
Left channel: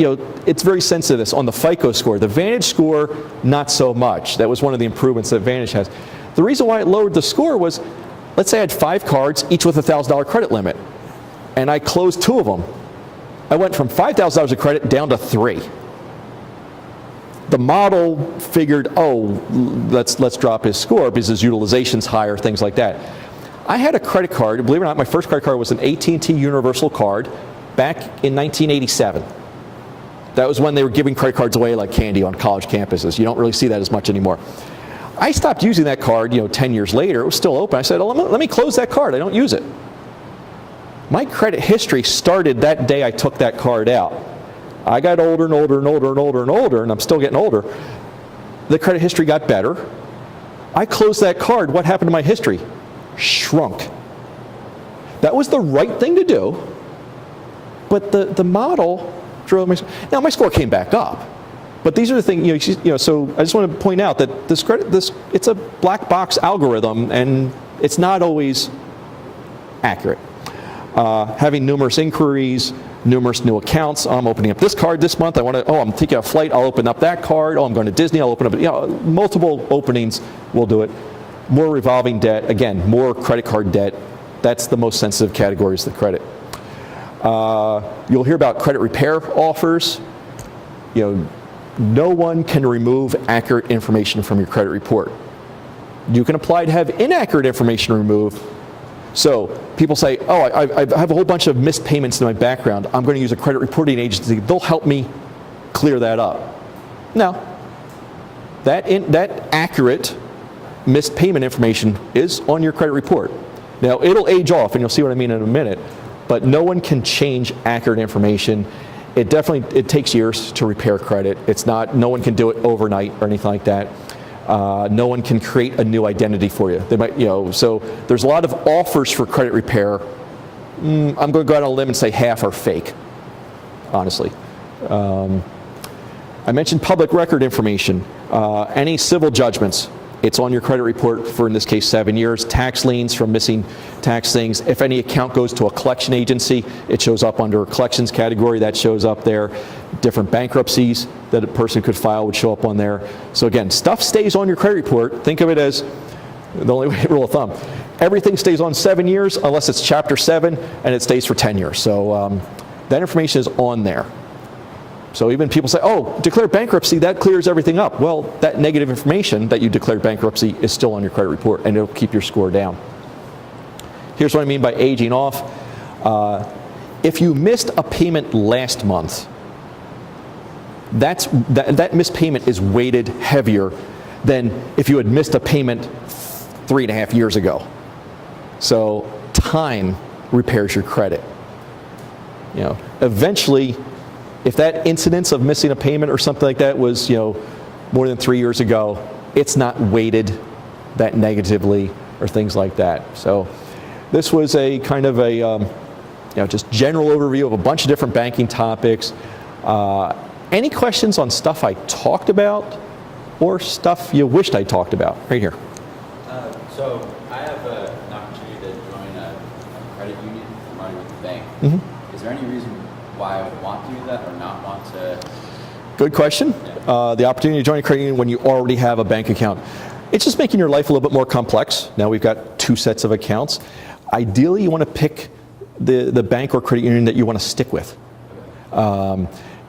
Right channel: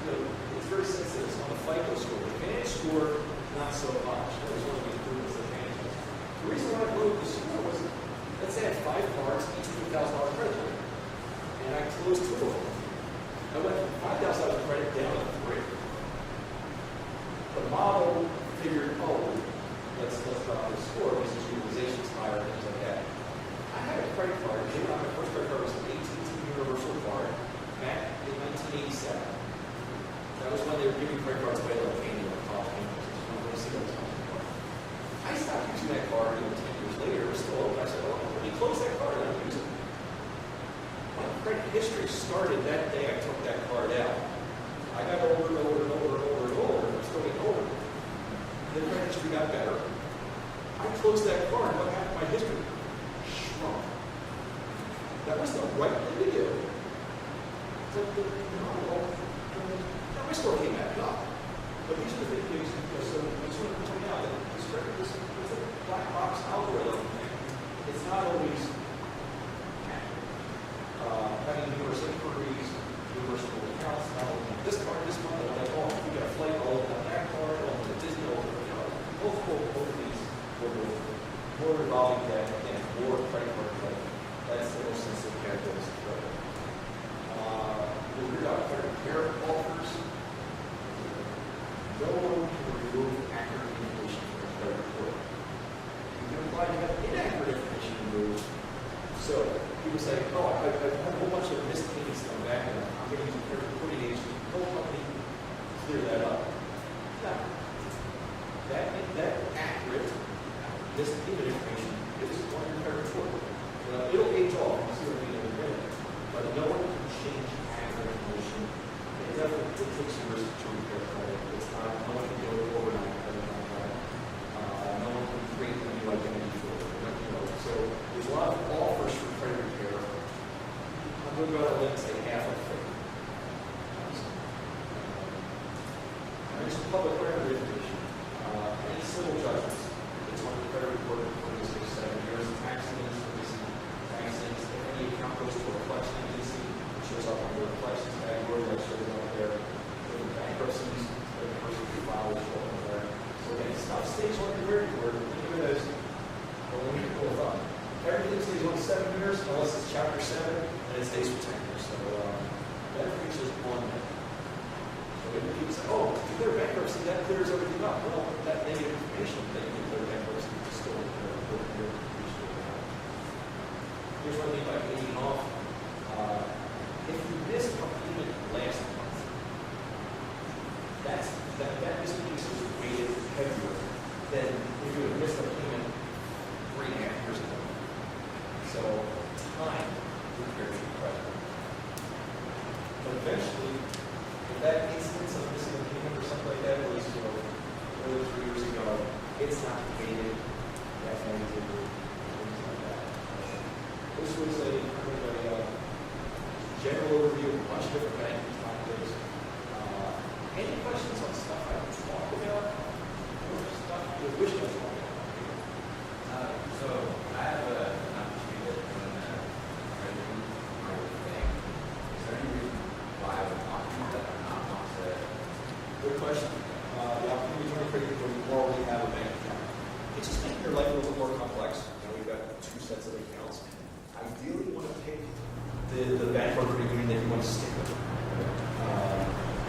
it's very sensitive on the FICO score. The Vantage score, not so much. That was one of the improvements that Vantage has. The reason why it lowered the score was, let's say I had 5 cards, each with a $1,000 credit limit, and I closed 2 of them. I went from $5,000 of credit down to 3. The model figured, oh, let's drop his score because his utilization's higher, things like that. I had a credit card, believe it or not, my first credit card was an AT&T Universal card back in 1987. That was when they were giving credit cards away like candy on college campuses. You don't really see that as much anymore. I stopped using that card, 10 years later. It was still open. I said, oh, let me close that card. I don't use it. My credit history started that day I took that card out. I got older and older and older and older and older, and I'm still getting older. The credit history got better. I closed that card. What happened to my history? Shrunk. That was the right thing to do, but the model drove me. Now my score came back up, but these are the things. So I just want to point out that it's a black box algorithm, and it's not always accurate. Having numerous inquiries, numerous new accounts. I'm opening up this card this month. I'm taking a flight. I'll open up that card. Oh, I'm going to Disney. I'll open up. Multiple openings will do it. More revolving debt. Again, more credit card debt. That's the most sensitive categories of the credit. You'll hear about credit repair offers. No one can remove accurate information from your credit report. You can apply to have inaccurate information removed. So people say, oh, I have a whole bunch of missed payments in my background. I'm going to use a credit reporting agency. They'll help me clear that up. No. That accurate missed payment information is on your credit report. Now, it'll age off, and you'll see what I mean in a minute, but no one can change accurate information. It takes years to repair credit. No one can do it overnight or anything like that. No one can create a new identity for you. They might, so there's a lot of offers for credit repair. I'm going to go out on a limb and say half are fake, honestly. I mentioned public record information. Any civil judgments, it's on your credit report for, in this case, 7 years. Tax liens from missing tax things. If any account goes to a collection agency, it shows up under a collections category. That shows up there. Different bankruptcies that a person could file would show up on there. So again, stuff stays on your credit report. Think of it as the only rule of thumb. Everything stays on 7 years unless it's Chapter 7 and it stays for 10 years. So that information is on there. So even people say, oh, declare bankruptcy, that clears everything up. Well, that negative information that you declared bankruptcy is still on your credit report, and it'll keep your score down. Here's what I mean by aging off. If you missed a payment last month, that missed payment is weighted heavier than if you had missed a payment 3.5 years ago. So time repairs your credit. Eventually, if that incidence of missing a payment or something like that was, more than 3 years ago, it's not weighted that negatively or things like that. So this was a kind of a, just general overview of a bunch of different banking topics. Any questions on stuff I talked about or stuff you wished I talked about? Right here. So I have an opportunity to join a credit union along with the bank. Mm-hmm. Is there any reason why I would want to do that or not want to? Good question. The opportunity to join a credit union when you already have a bank account. It's just making your life a little bit more complex. Now we've got 2 sets of accounts. Ideally, you want to pick the bank or credit union that you want to stick with.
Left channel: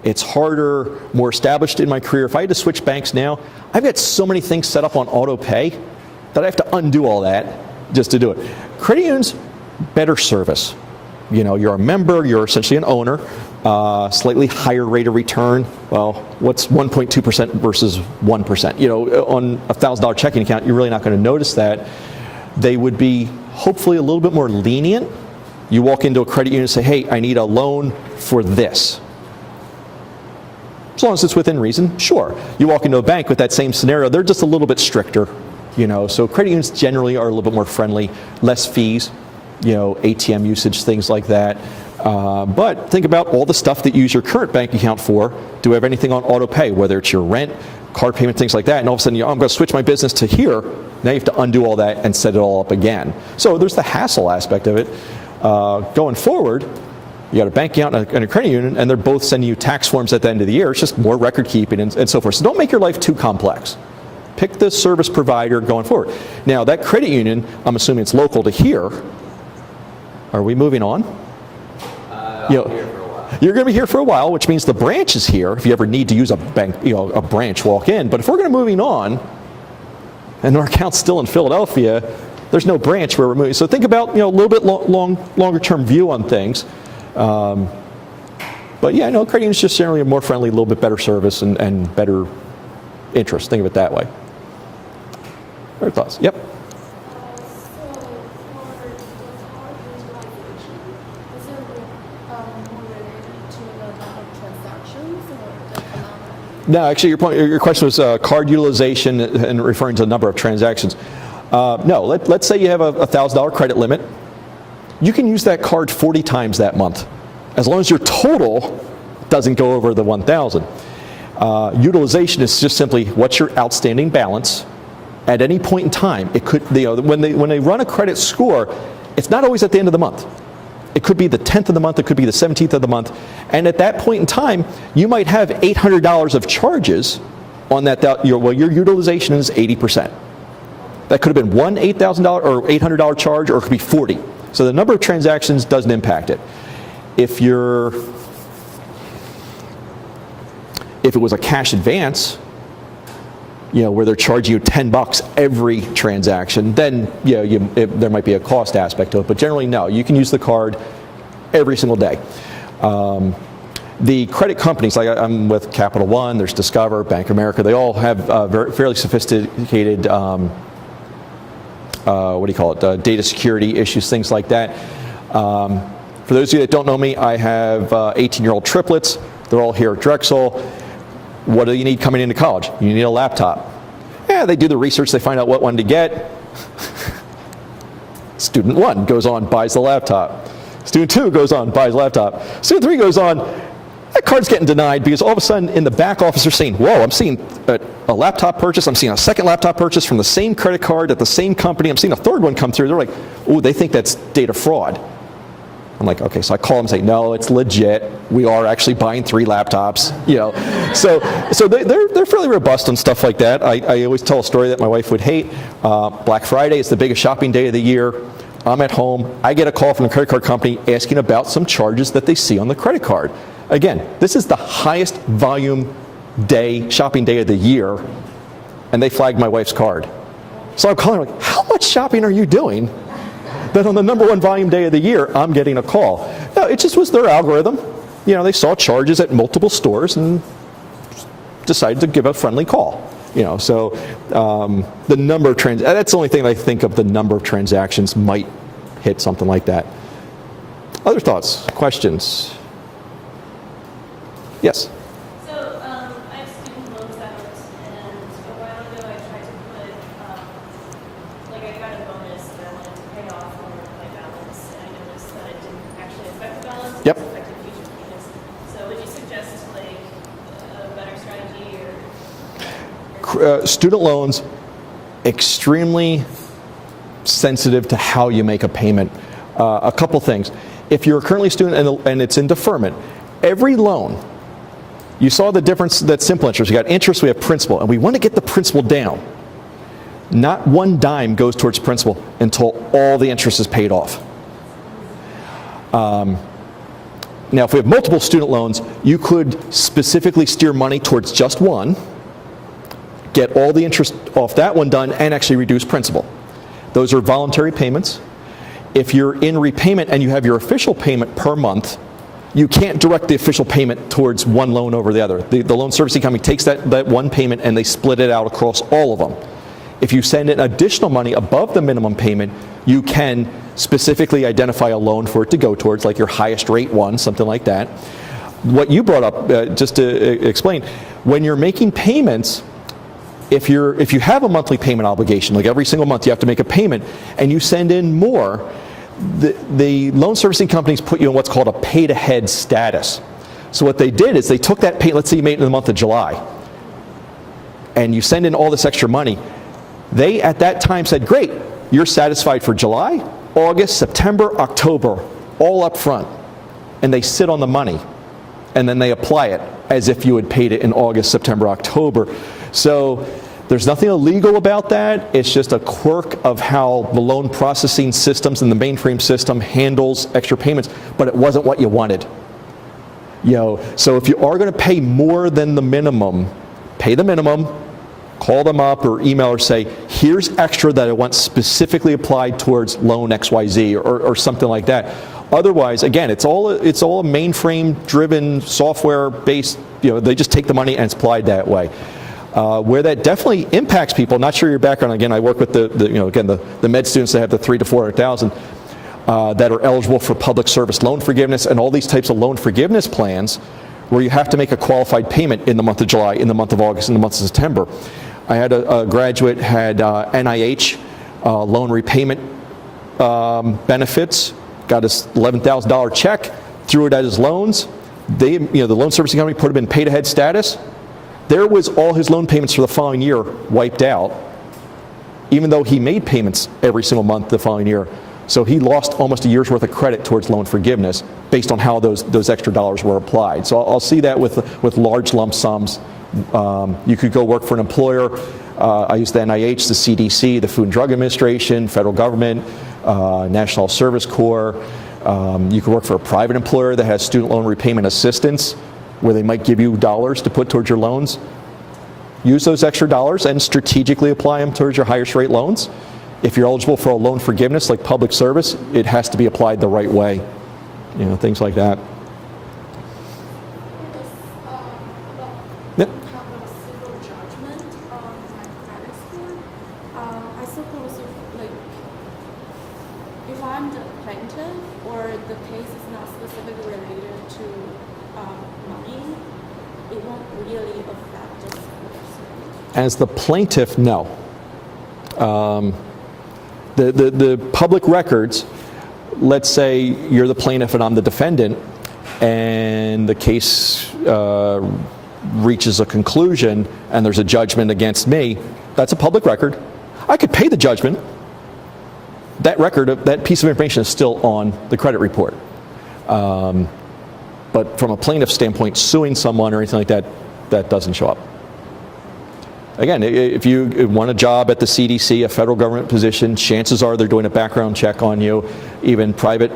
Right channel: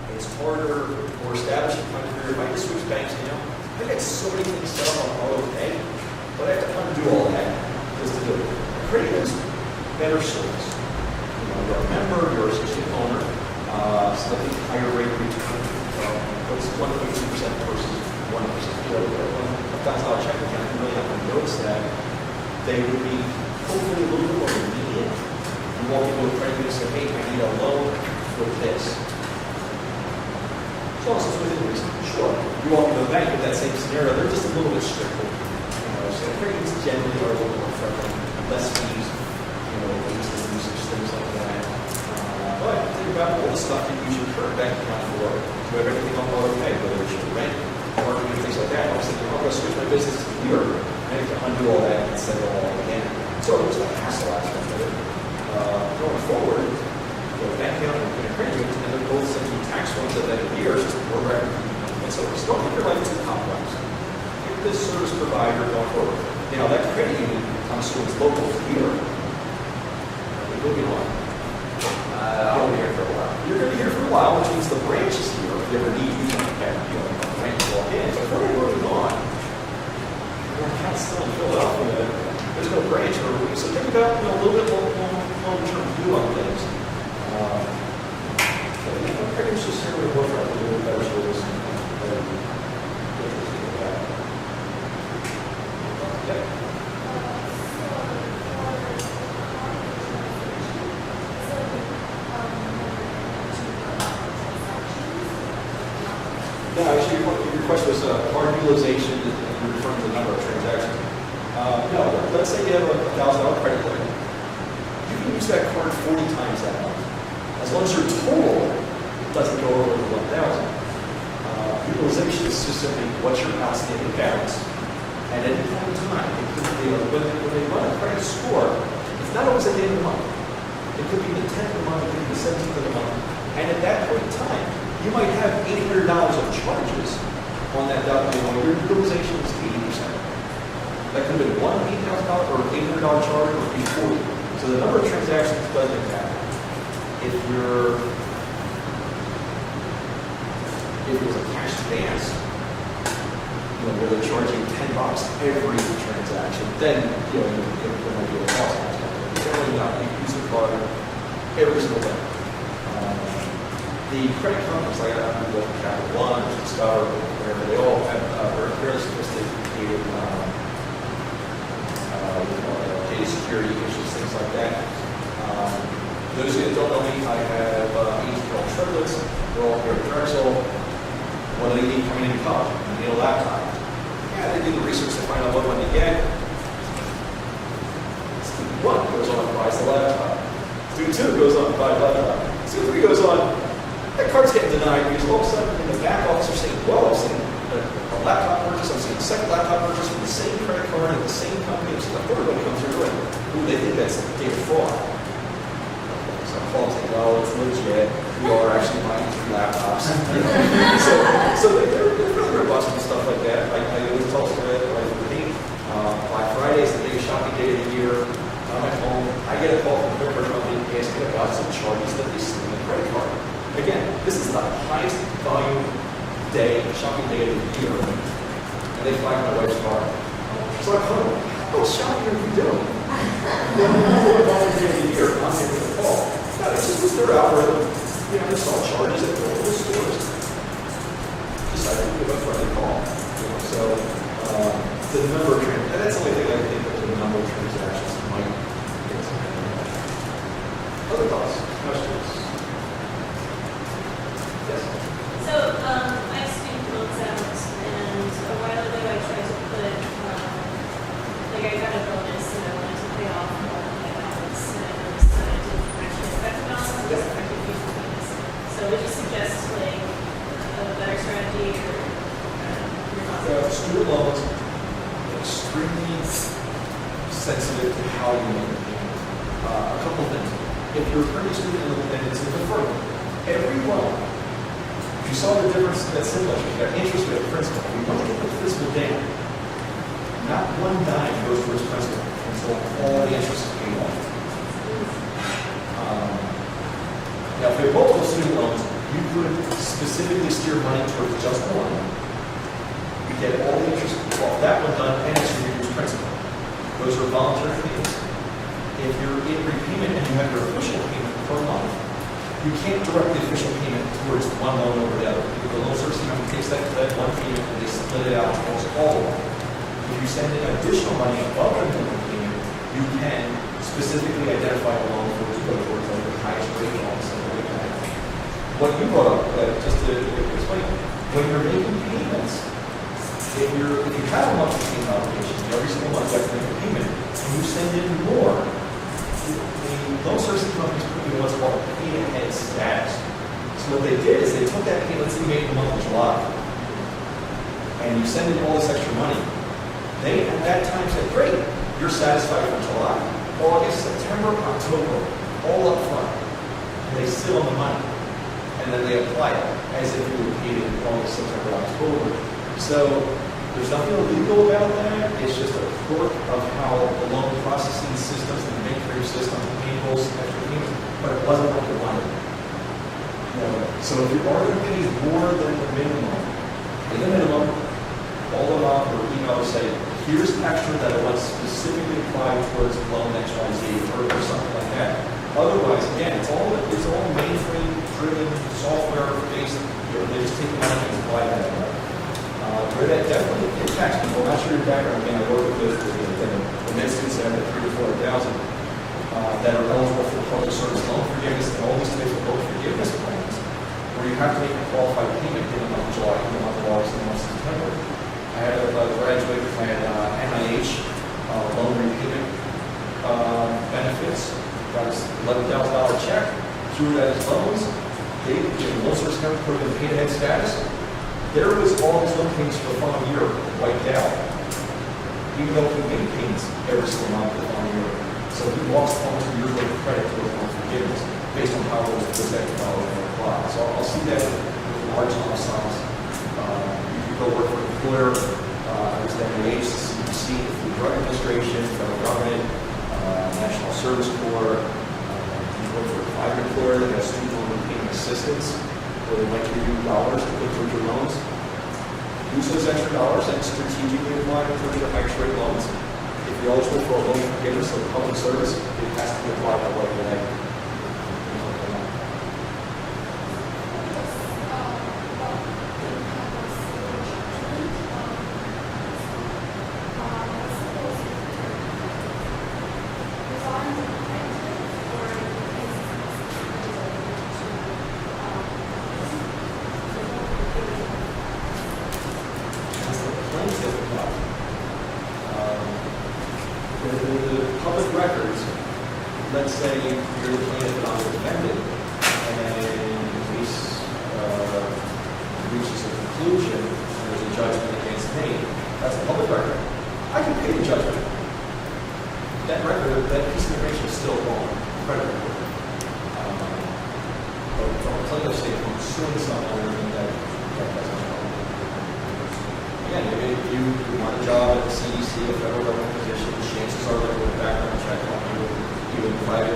It's harder, more established in my career. If I had to switch banks now, I've got so many things set up on auto pay that I have to undo all that just to do it. Credit unions, better service. You're a member, you're essentially an owner, slightly higher rate of return. Well, what's 1.2% versus 1%? On a $1,000 checking account, you're really not going to notice that. They would be hopefully a little bit more lenient. You walk into a credit union and say, hey, I need a loan for this. As long as it's within reason, sure. You walk into a bank with that same scenario, they're just a little bit stricter. So credit unions generally are a little bit more friendly, less fees, ATM usage, things like that. But think about all the stuff that you use your current bank account for. Do we have anything on auto pay, whether it's your rent, card payment, things like that, and all of a sudden, I'm going to switch my business to here. Now you have to undo all that and set it all up again. So there's the hassle aspect of it. Going forward, you got a bank account and a credit union, and they're both sending you tax forms at the end of the year. It's just more record keeping and so forth. So don't make your life too complex. Pick the service provider going forward. Now that credit union, I'm assuming it's local to here. Are we moving on? I'll be here for a while. You're going to be here for a while, which means the branch is here. If you ever need to use a bank, a branch, walk in. But if we're going to moving on, and our account's still in Philadelphia, there's no branch where we're moving. So think about a little bit longer term view on things. But yeah, credit union is just generally a more friendly, a little bit better service and better interest. Think of it that way. Other thoughts? Yep. No, actually, your question was card utilization and referring to the number of transactions. No, let's say you have a $1,000 credit limit. You can use that card 40 times that month, as long as your total doesn't go over the 1,000. Utilization is just simply what's your outstanding balance at any point in time. It could, when they run a credit score, it's not always at the end of the month. It could be the 10th of the month. It could be the 17th of the month. And at that point in time, you might have $800 of charges on that. Your utilization is 80%. That could have been one $8,000 or $800 charge, or it could be 40. So the number of transactions doesn't impact it. If it was a cash advance, where they're charging you $10 every transaction, then there might be a cost aspect to it. But generally, no. You can use the card every single day. The credit companies, like I'm with Capital One, there's Discover, Bank of America, they all have fairly sophisticated, data security issues, things like that. For those of you that don't know me, I have 18-year-old triplets. They're all here at Drexel. What do you need coming into college? You need a laptop. Yeah, they do the research, they find out what one to get. Student 1 goes on, buys the laptop. Student 2 goes on, buys the laptop. Student 3 goes on, that card's getting denied because all of a sudden in the back office they're saying, whoa, I'm seeing a laptop purchase, I'm seeing a second laptop purchase from the same credit card at the same company, I'm seeing a third one come through. They're like, oh, they think that's data fraud. I'm like, okay, so I call them and say, no, it's legit. We are actually buying 3 laptops. So they're fairly robust on stuff like that. I always tell a story that my wife would hate. Black Friday is the biggest shopping day of the year. I'm at home. I get a call from the credit card company asking about some charges that they see on the credit card. Again, this is the highest volume shopping day of the year, and they flagged my wife's card. So I'm calling them, how much shopping are you doing? Then on the number 1 volume day of the year, I'm getting a call. No, it just was their algorithm. They saw charges at multiple stores and decided to give a friendly call. So the number of that's the only thing I think of, the number of transactions might hit something like that. Other thoughts, questions? Yes? So, I have student loans out, and a while ago I tried to put, I got a bonus and I wanted to pay off my balance, and I noticed that I didn't actually expect the balance. Yep. I expected future payments. So would you suggest, a better strategy or? Student loans, extremely sensitive to how you make a payment. A couple things. If you're currently a student and it's in deferment, every loan, you saw the difference, that simple interest. You got interest, we have principal, and we want to get the principal down. Not one dime goes towards principal until all the interest is paid off. Now, if we have multiple student loans, you could specifically steer money towards just one, get all the interest off that one done, and actually reduce principal. Those are voluntary payments. If you're in repayment and you have your official payment per month, you can't direct the official payment towards one loan over the other. The loan servicing company takes that one payment and they split it out across all of them. If you send in additional money above the minimum payment, you can specifically identify a loan for it to go towards, like your highest rate one, something like that. What you brought up, just to explain, when you're making payments, if you have a monthly payment obligation, like every single month you have to make a payment, and you send in more, the loan servicing companies put you in what's called a pay-to-head status. So what they did is they took that pay, let's say you made it in the month of July, and you send in all this extra money. They, at that time, said, great, you're satisfied for July, August, September, October, all up front. And they sit on the money, and then they apply it as if you had paid it in August, September, October. So there's nothing illegal about that. It's just a quirk of how the loan processing systems and the mainframe system handles extra payments, but it wasn't what you wanted. So if you are going to pay more than the minimum, pay the minimum, call them up or email or say, here's extra that I want specifically applied towards loan XYZ or something like that. Otherwise, again, it's all mainframe-driven, software-based. They just take the money and it's applied that way. Where that definitely impacts people. Not sure your background. Again, I work with the med students that have the $300,000 to $400,000 that are eligible for public service loan forgiveness and all these types of loan forgiveness plans, where you have to make a qualified payment in the month of July, in the month of August, in the month of September. I had a graduate had NIH loan repayment benefits. Got his $11,000 check, threw it at his loans. The loan servicing company put him in pay-to-head status. There was all his loan payments for the following year wiped out, even though he made payments every single month the following year. So he lost almost a year's worth of credit towards loan forgiveness based on how those extra dollars were applied. So I'll see that with large lump sums. You could go work for an employer. I use the NIH, the CDC, the Food and Drug Administration, federal government, National Service Corps. You could work for a private employer that has student loan repayment assistance, where they might give you dollars to put towards your loans. Use those extra dollars and strategically apply them towards your highest rate loans. If you're eligible for a loan forgiveness like public service, it has to be applied the right way. Things like that. Yep. As the plaintiff, no. The public records, let's say you're the plaintiff and I'm the defendant, and the case reaches a conclusion and there's a judgment against me, that's a public record. I could pay the judgment. That record, that piece of information is still on the credit report. But from a plaintiff standpoint, suing someone or anything like that, that doesn't show up. Again, if you want a job at the CDC, a federal government position, chances are they're doing a background check on you. Even private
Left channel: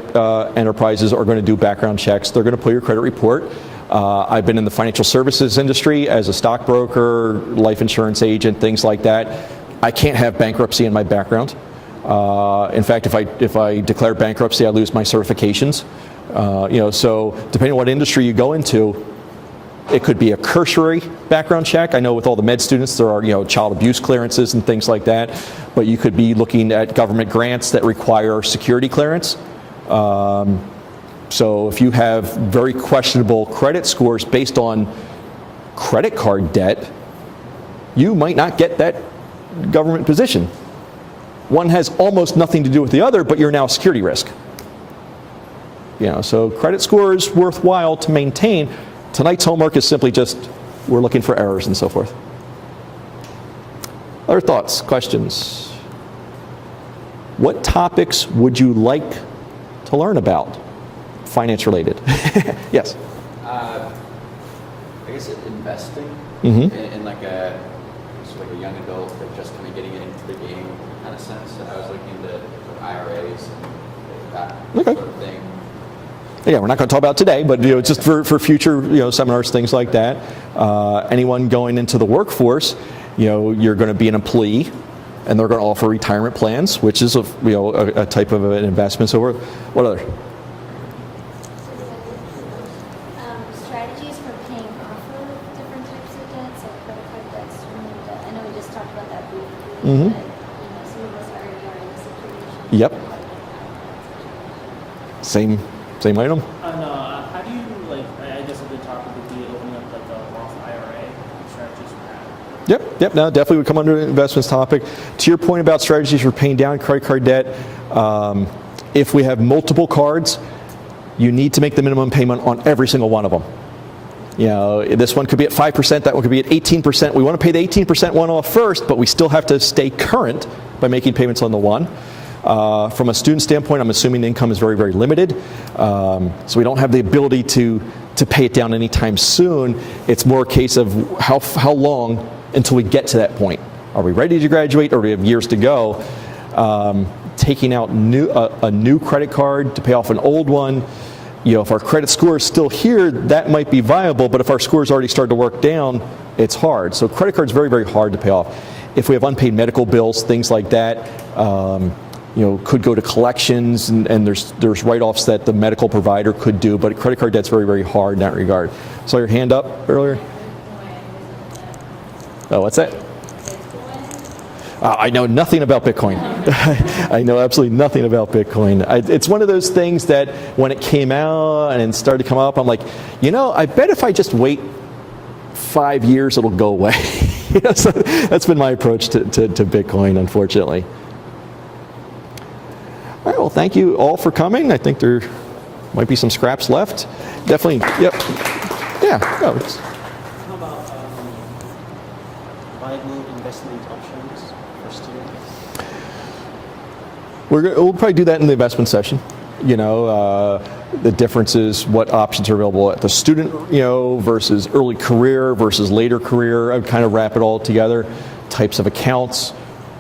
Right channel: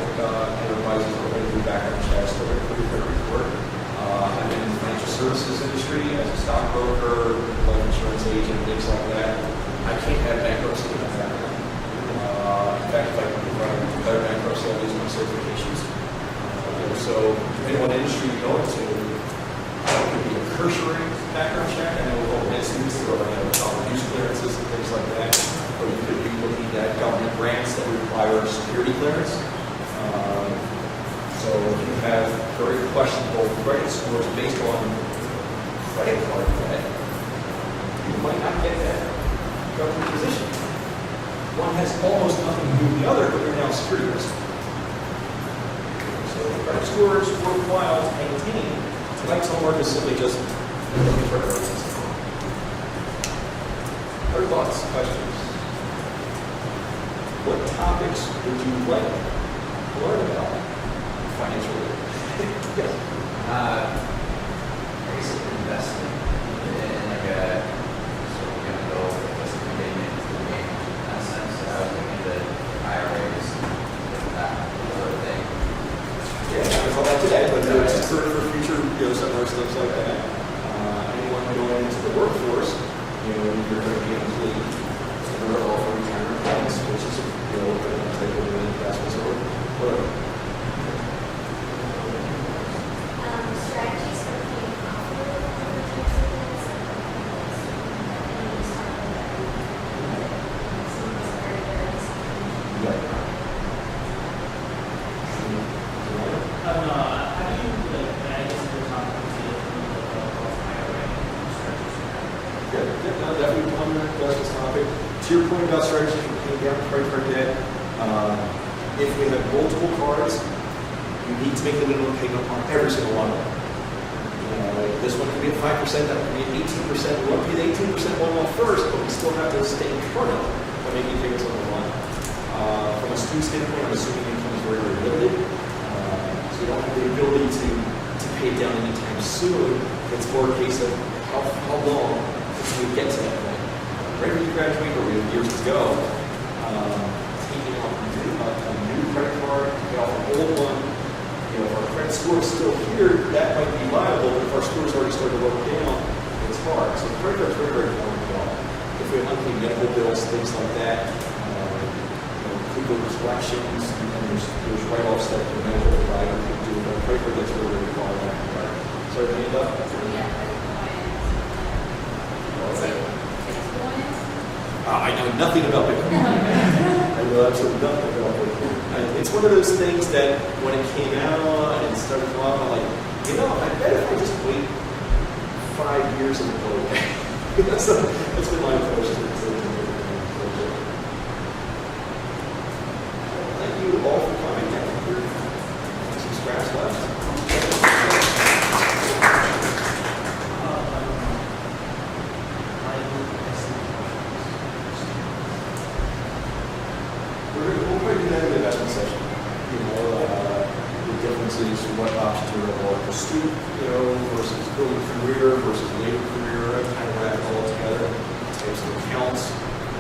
enterprises are going to do background checks. They're going to pull your credit report. I've been in the financial services industry as a stockbroker, life insurance agent, things like that. I can't have bankruptcy in my background. In fact, if I declare bankruptcy, I lose my certifications. So depending on what industry you go into, it could be a cursory background check. I know with all the med students, there are child abuse clearances and things like that. But you could be looking at government grants that require security clearance. So if you have very questionable credit scores based on credit card debt, you might not get that government position. One has almost nothing to do with the other, but you're now a security risk. So credit score is worthwhile to maintain. Tonight's homework is simply just, we're looking for errors and so forth. Other thoughts, questions? What topics would you like to learn about? Finance related. Yes? Basic investing Mm-hmm. in like a sort of young adult that just getting into the game in that sense. So I was looking into IRAs and that Okay. sort of thing. Again, we're not going to talk about it today, but just for future seminars, things like that. Anyone going into the workforce, you're going to be an employee, and they're going to offer retirement plans, which is a type of an investment. So what other? Strategies for paying off different types of debts, and then just talk about that. Mm-hmm. Some of us are very Yep. Same item. How do you, I guess a good topic would be looking at the Roth IRA and strategies for that. Yep. No, definitely would come under an investments topic. To your point about strategies for paying down credit card debt, If we have multiple cards, you need to make the minimum payment on every single one of them. You know, this one could be at 5%, that one could be at 18%. We want to pay the 18% one off first, but we still have to stay current by making payments on the one. From a student standpoint, I'm assuming the income is very, very limited. So we don't have the ability to pay it down anytime soon. It's more a case of how long until we get to that point. Are we ready to graduate, or do we have years to go? Taking out a new credit card to pay off an old one, you know, if our credit score is still here, that might be viable, but if our score has already started to work down, it's hard. So credit card is very, very hard to pay off. If we have unpaid medical bills, things like that, you know, could go to collections, and there's write-offs that the medical provider could do, but a credit card debt's very, very hard in that regard. Saw your hand up earlier? Oh, what's that? I know nothing about Bitcoin. I know absolutely nothing about Bitcoin. It's one of those things that when it came out and it started to come up, I'm like, you know, I bet if I just wait 5 years, it'll go away. You know, so that's been my approach to Bitcoin, unfortunately. All right, well, thank you all for coming. I think there might be some scraps left. Definitely, yep. Yeah, no, it's, we'll probably do that in the investment session. You know, the differences, what options are available at the student, you know, versus early career versus later career. I'd kind of wrap it all together. Types of accounts,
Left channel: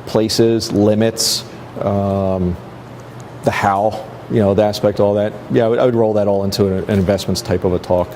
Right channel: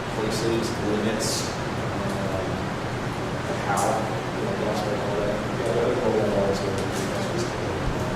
places, limits, the how, you know, the aspect, all that. Yeah, I would roll that all into an investments type of a talk.